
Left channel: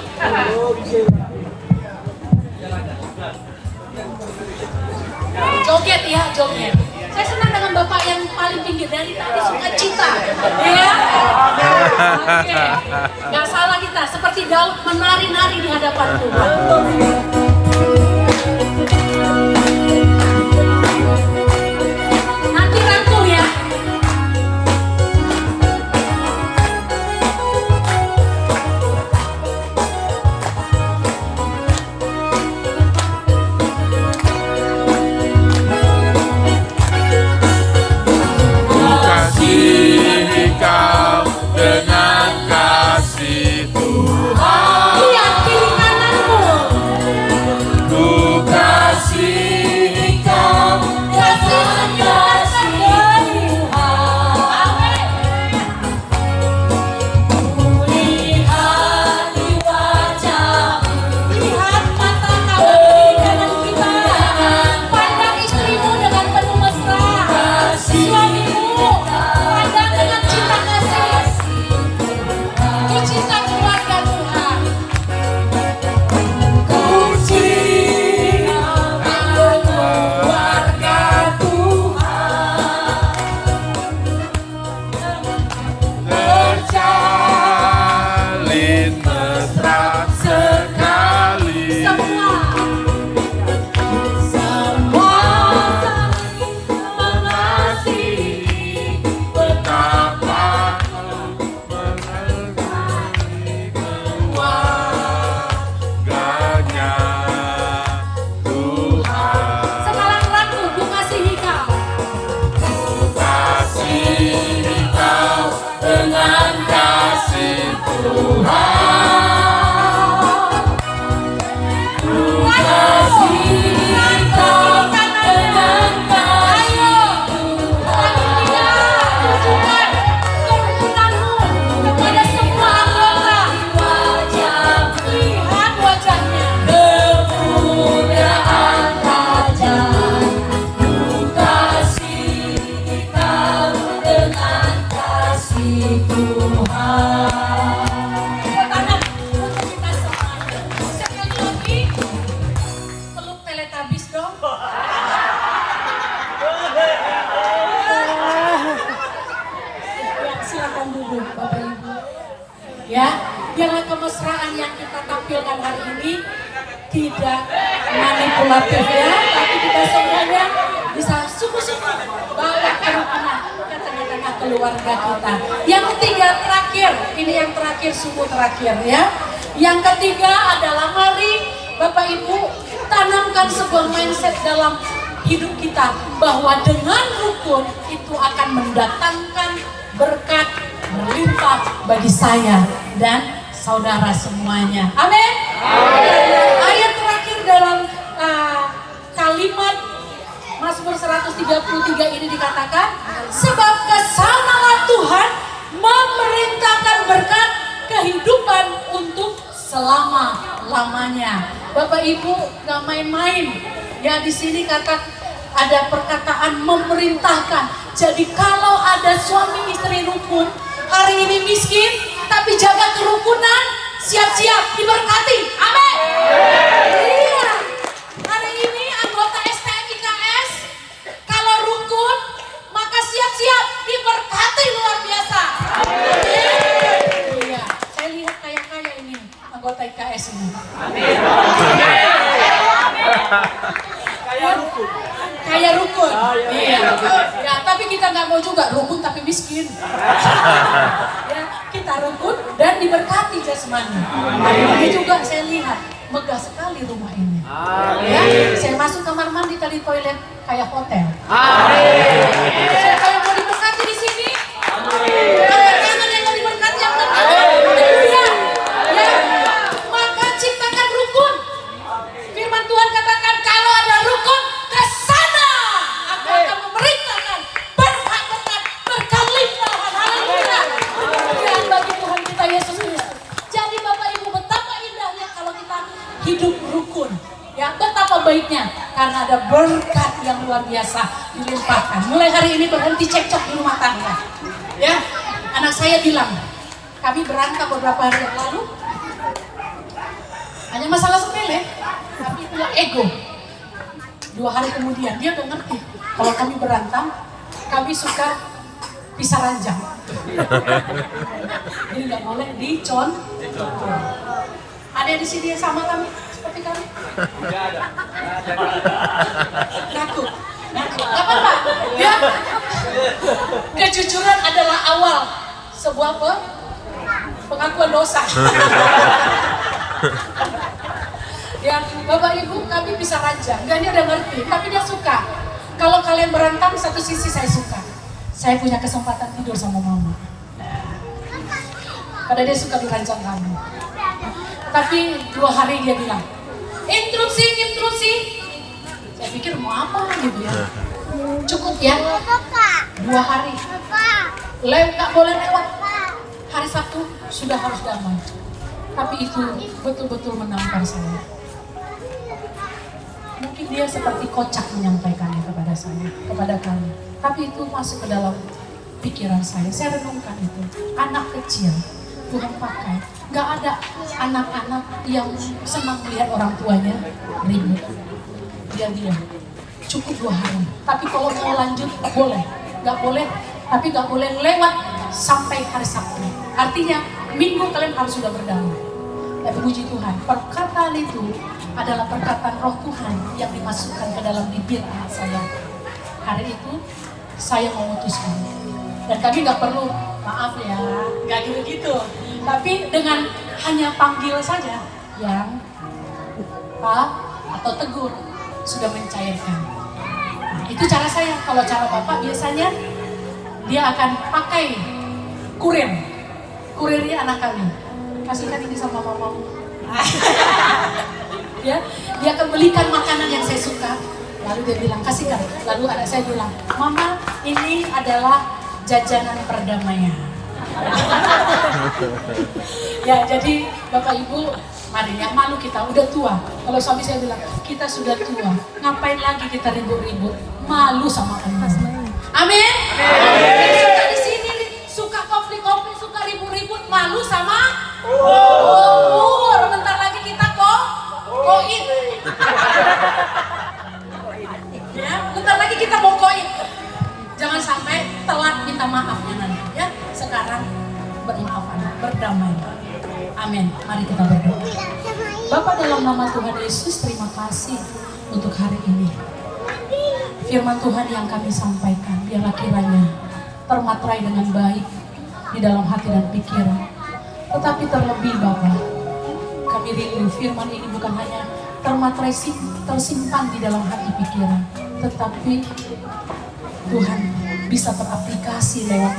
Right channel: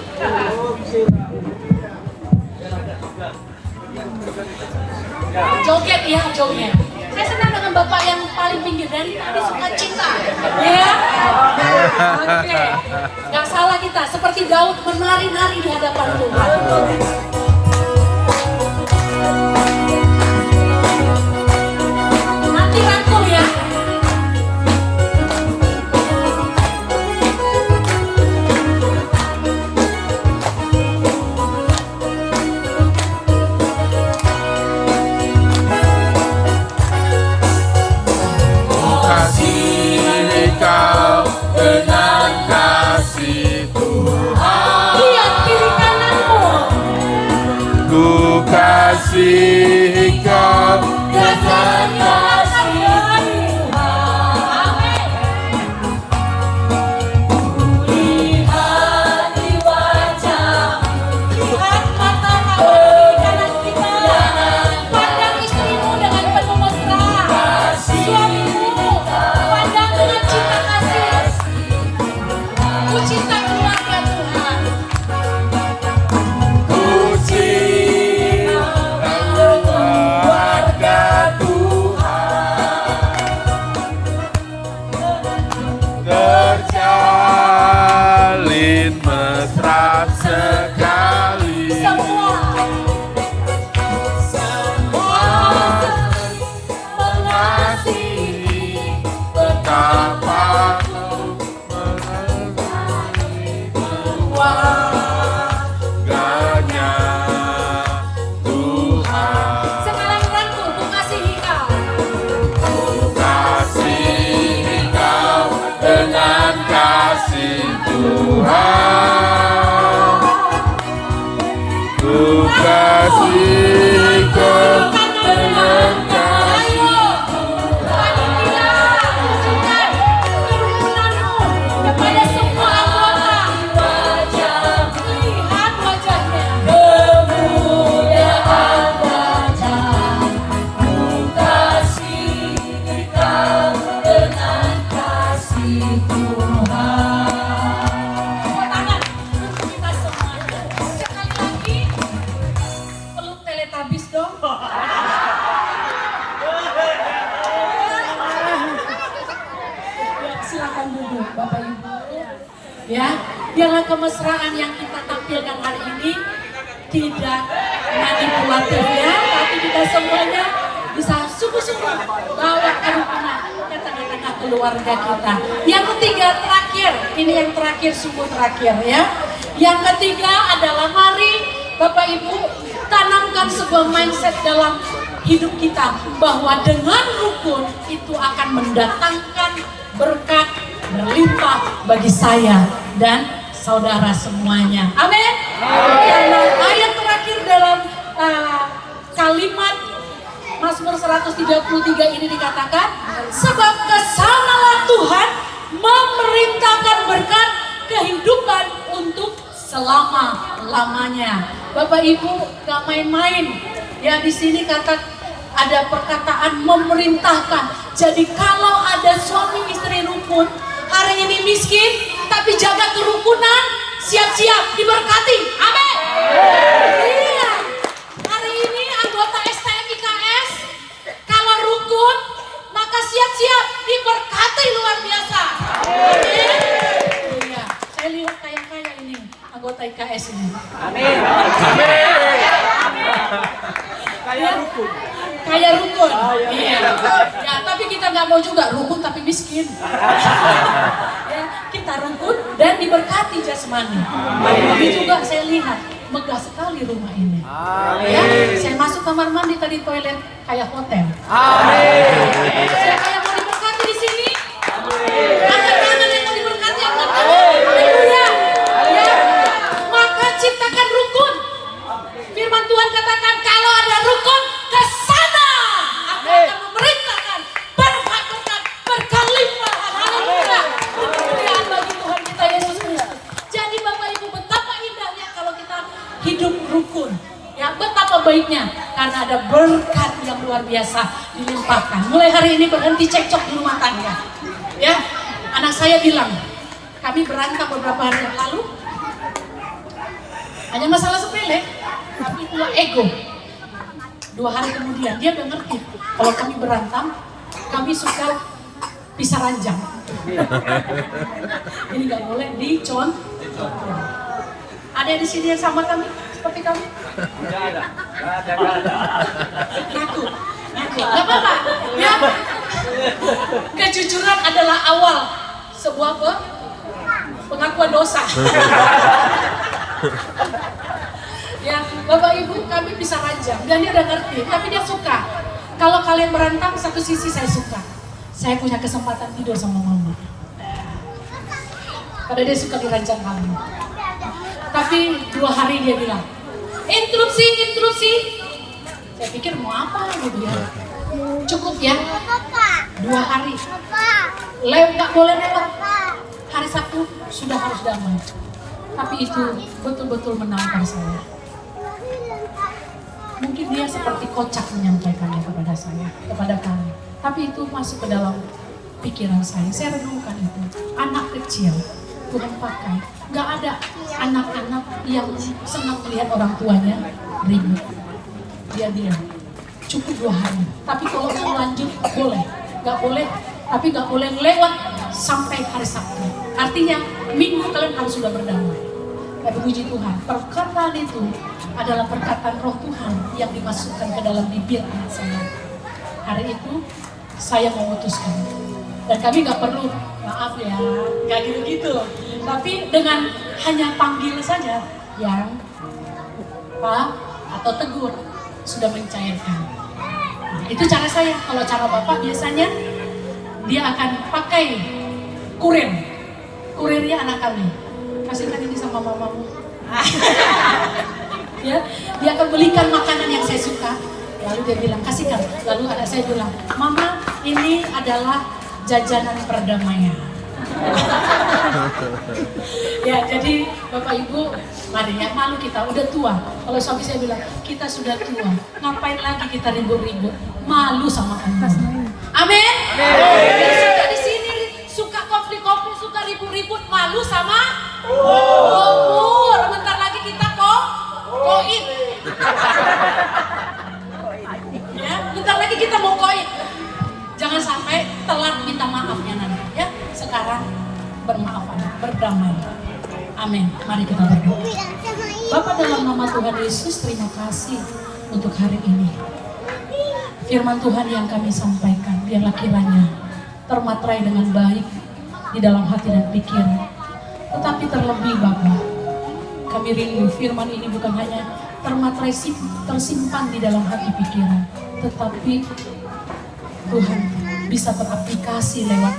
Joget ya, joget. Saya senang dengan Bapak yang paling pinggir dari tadi, sukacita. Ya. Oke. Gak salah kita, seperti Daud menari-nari di hadapan Tuhan. Nanti rangkul ya. Kasihi kau dengan kasih Tuhan. Lihat kiri kananmu. Ku kasihi kau dengan kasih Tuhan. Lihat di wajahmu, Lihat mata kawan kiri kanan kita. Pandang istrimu dengan penuh mesra. Suamimu pandang dengan cinta kasih. Ku cinta keluarga Tuhan. Ku cinta keluarga Tuhan. Terjalin mesra sekali. Mengasihi betapa kau mengasihi keluarganya Tuhan. Sekarang rangkul, ku kasihi kau. Ku kasihi kau dengan kasih Tuhan. Ku kasihi kau dengan kasih Tuhan. Tunjukkan kerukunanmu kepada duduk Bapak Ibu. Ya, biarlah kemesraan yang kita tampilkan hari ini tidak manipulatif ya, tapi kita semuanya bisa sungguh-sungguh bawa kerukunan ke tengah-tengah keluarga kita. Yang ketiga, terakhir, ini yang terakhir, sungguh terakhir ya. Yang ketiga adalah mari Bapak Ibu tanamkan sebuah mindset dalam hidup kita bahwa dengan rukun itu akan mendatangkan berkat berlimpah bagi saya dan saudara semuanya. Amin. Karena ayat terakhir dalam kalimat Mazmur 133 ini dikatakan, sebab kesanalah Tuhan memerintahkan berkat kehidupan untuk selama-lamanya. Bapak Ibu gak main-main. Ya di sini ada perkataan memerintahkan. Jadi kalau ada suami istri rukun, hari ini miskin, tapi jaga kerukunan, siap-siap diberkati. Amin. Iya. Hari ini anggota STM IKS, kalau rukun, maka siap-siap diberkati luar biasa. Amin. Iya. Saya lihat kaya-kaya ini anggota IKS ini. Amin. Kayak rukun. Iya. Ya, tapi kita nggak mau juga rukun tapi miskin. Ya, kita rukun dan diberkati jasmani. Ini juga saya lihat megah sekali rumah ini. Ya, saya masuk kamar mandi tadi toilet kayak hotel. Saya kayak mau diberkati di sini. Ada tangan yang mau diberkati yang haleluya. Ya, maka ciptakan rukun. Firman Tuhan katakan kalau ada rukun ke sana aku akan memerintahkan berkat-berkat berkelimpahan. Haleluya. Kemuliaan bagi Tuhan kita Yesus Kristus. Jadi Bapak Ibu betapa indahnya kalau kita hidup rukun. Ya, betapa baiknya karena ada berkat yang luar biasa dilimpahkan. Mulai hari ini berhenti cekcok di rumah tangga. Ya, anak saya bilang, kami berantem beberapa hari yang lalu. Hanya masalah sepele, tapi punya ego. 2 hari kemudian dia udah ngerti kalau kami berantem, kami suka pisah ranjang. Ini nggak boleh dicontoh. Ada di sini yang sama kami seperti kami? Ngaku, nggak apa-apa. Ya, kejujuran adalah awal sebuah pengakuan dosa. Ya, Bapak Ibu kami bisa ranjang dan dia udah ngerti, tapi dia suka. Kalau kalian berantem, satu sisi saya suka. Saya punya kesempatan tidur sama mama. Karena dia suka dirancang kami. Tapi 2 hari dia bilang, interupsi. Saya pikir mau apa gitu ya. Cukup ya, 2 hari. Nggak boleh lewat. Hari Sabtu sudah harus damai. Tapi itu betul-betul menampar saya. Mungkin dia seperti kocak menyampaikannya kepada saya, kepada kami. Tapi itu masuk ke dalam pikiran saya. Saya renungkan itu. Anak kecil, Tuhan pakai. Gak ada anak-anak yang senang melihat orang tuanya ribut. Dia diam. Cukup 2 hari. Tapi kalau mau lanjut, boleh. Gak boleh, tapi gak boleh lewat sampai hari Sabtu. Artinya, Minggu kalian harus sudah berdamai. Tapi puji Tuhan, perkataan itu adalah perkataan roh Tuhan yang dimasukkan ke dalam bibir anak saya. Hari itu saya memutuskan. Dan kami gak perlu, maaf ya, gak gitu-gitu. Tapi dengan hanya panggil saja yang Pak atau tegur sudah mencairkan. Nah, itu cara saya. Kalau cara Bapak biasanya dia akan pakai kurir. Kurirnya anak kami. Kasihkan ini sama mamamu. Ya, dia akan belikan makanan yang saya suka. Lalu dia bilang, kasihkan. Lalu anak saya bilang, Mama, ini adalah jajanan perdamaian. Ya, jadi Bapak Ibu, mari ya, malu kita, udah tua. Kalau suami saya bilang, kita sudah tua, ngapain lagi kita ribut-ribut? Malu sama Allah. Amin. Suka di sini, suka konflik-konflik, suka ribut-ribut, malu sama umur. Bentar lagi kita koin. Ya, bentar lagi kita mau koin. Jangan sampai telat minta maaf ya nanti ya. Sekarang bermaafan, berdamai. Amin. Mari kita berdoa. Bapa, dalam nama Tuhan Yesus, terima kasih untuk hari ini. Firman Tuhan yang kami sampaikan, biarlah kiranya termatrai dengan baik di dalam hati dan pikiran. Tetapi terlebih Bapa, kami rindu firman ini bukan hanya termatrai tersimpan di dalam hati pikiran, tetapi Tuhan bisa teraplikasi lewat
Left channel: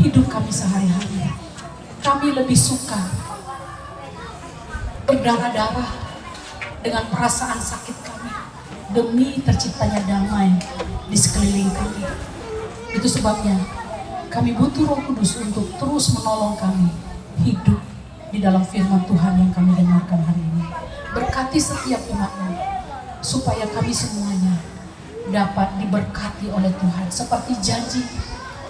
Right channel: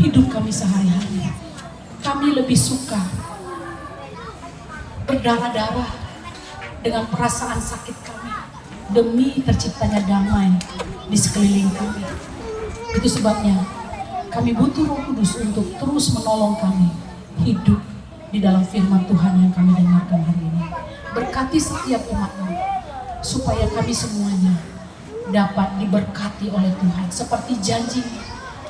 hidup kami sehari-hari. Kami lebih suka berdarah-darah dengan perasaan sakit kami demi terciptanya damai di sekeliling kami. Itu sebabnya kami butuh Roh Kudus untuk terus menolong kami hidup di dalam firman Tuhan yang kami dengarkan hari ini. Berkati setiap umat-Mu supaya kami semuanya dapat diberkati oleh Tuhan, seperti janji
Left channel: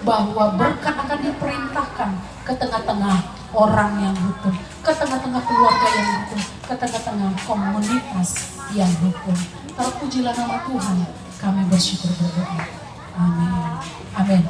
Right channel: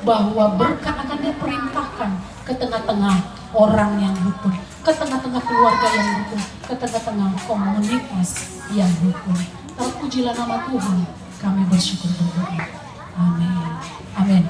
bahwa berkat akan diperintahkan ke tengah-tengah orang yang rukun, ke tengah-tengah keluarga yang rukun, ke tengah-tengah komunitas yang rukun. Terpujilah nama Tuhan, kami bersyukur berdoa. Amin. Amin.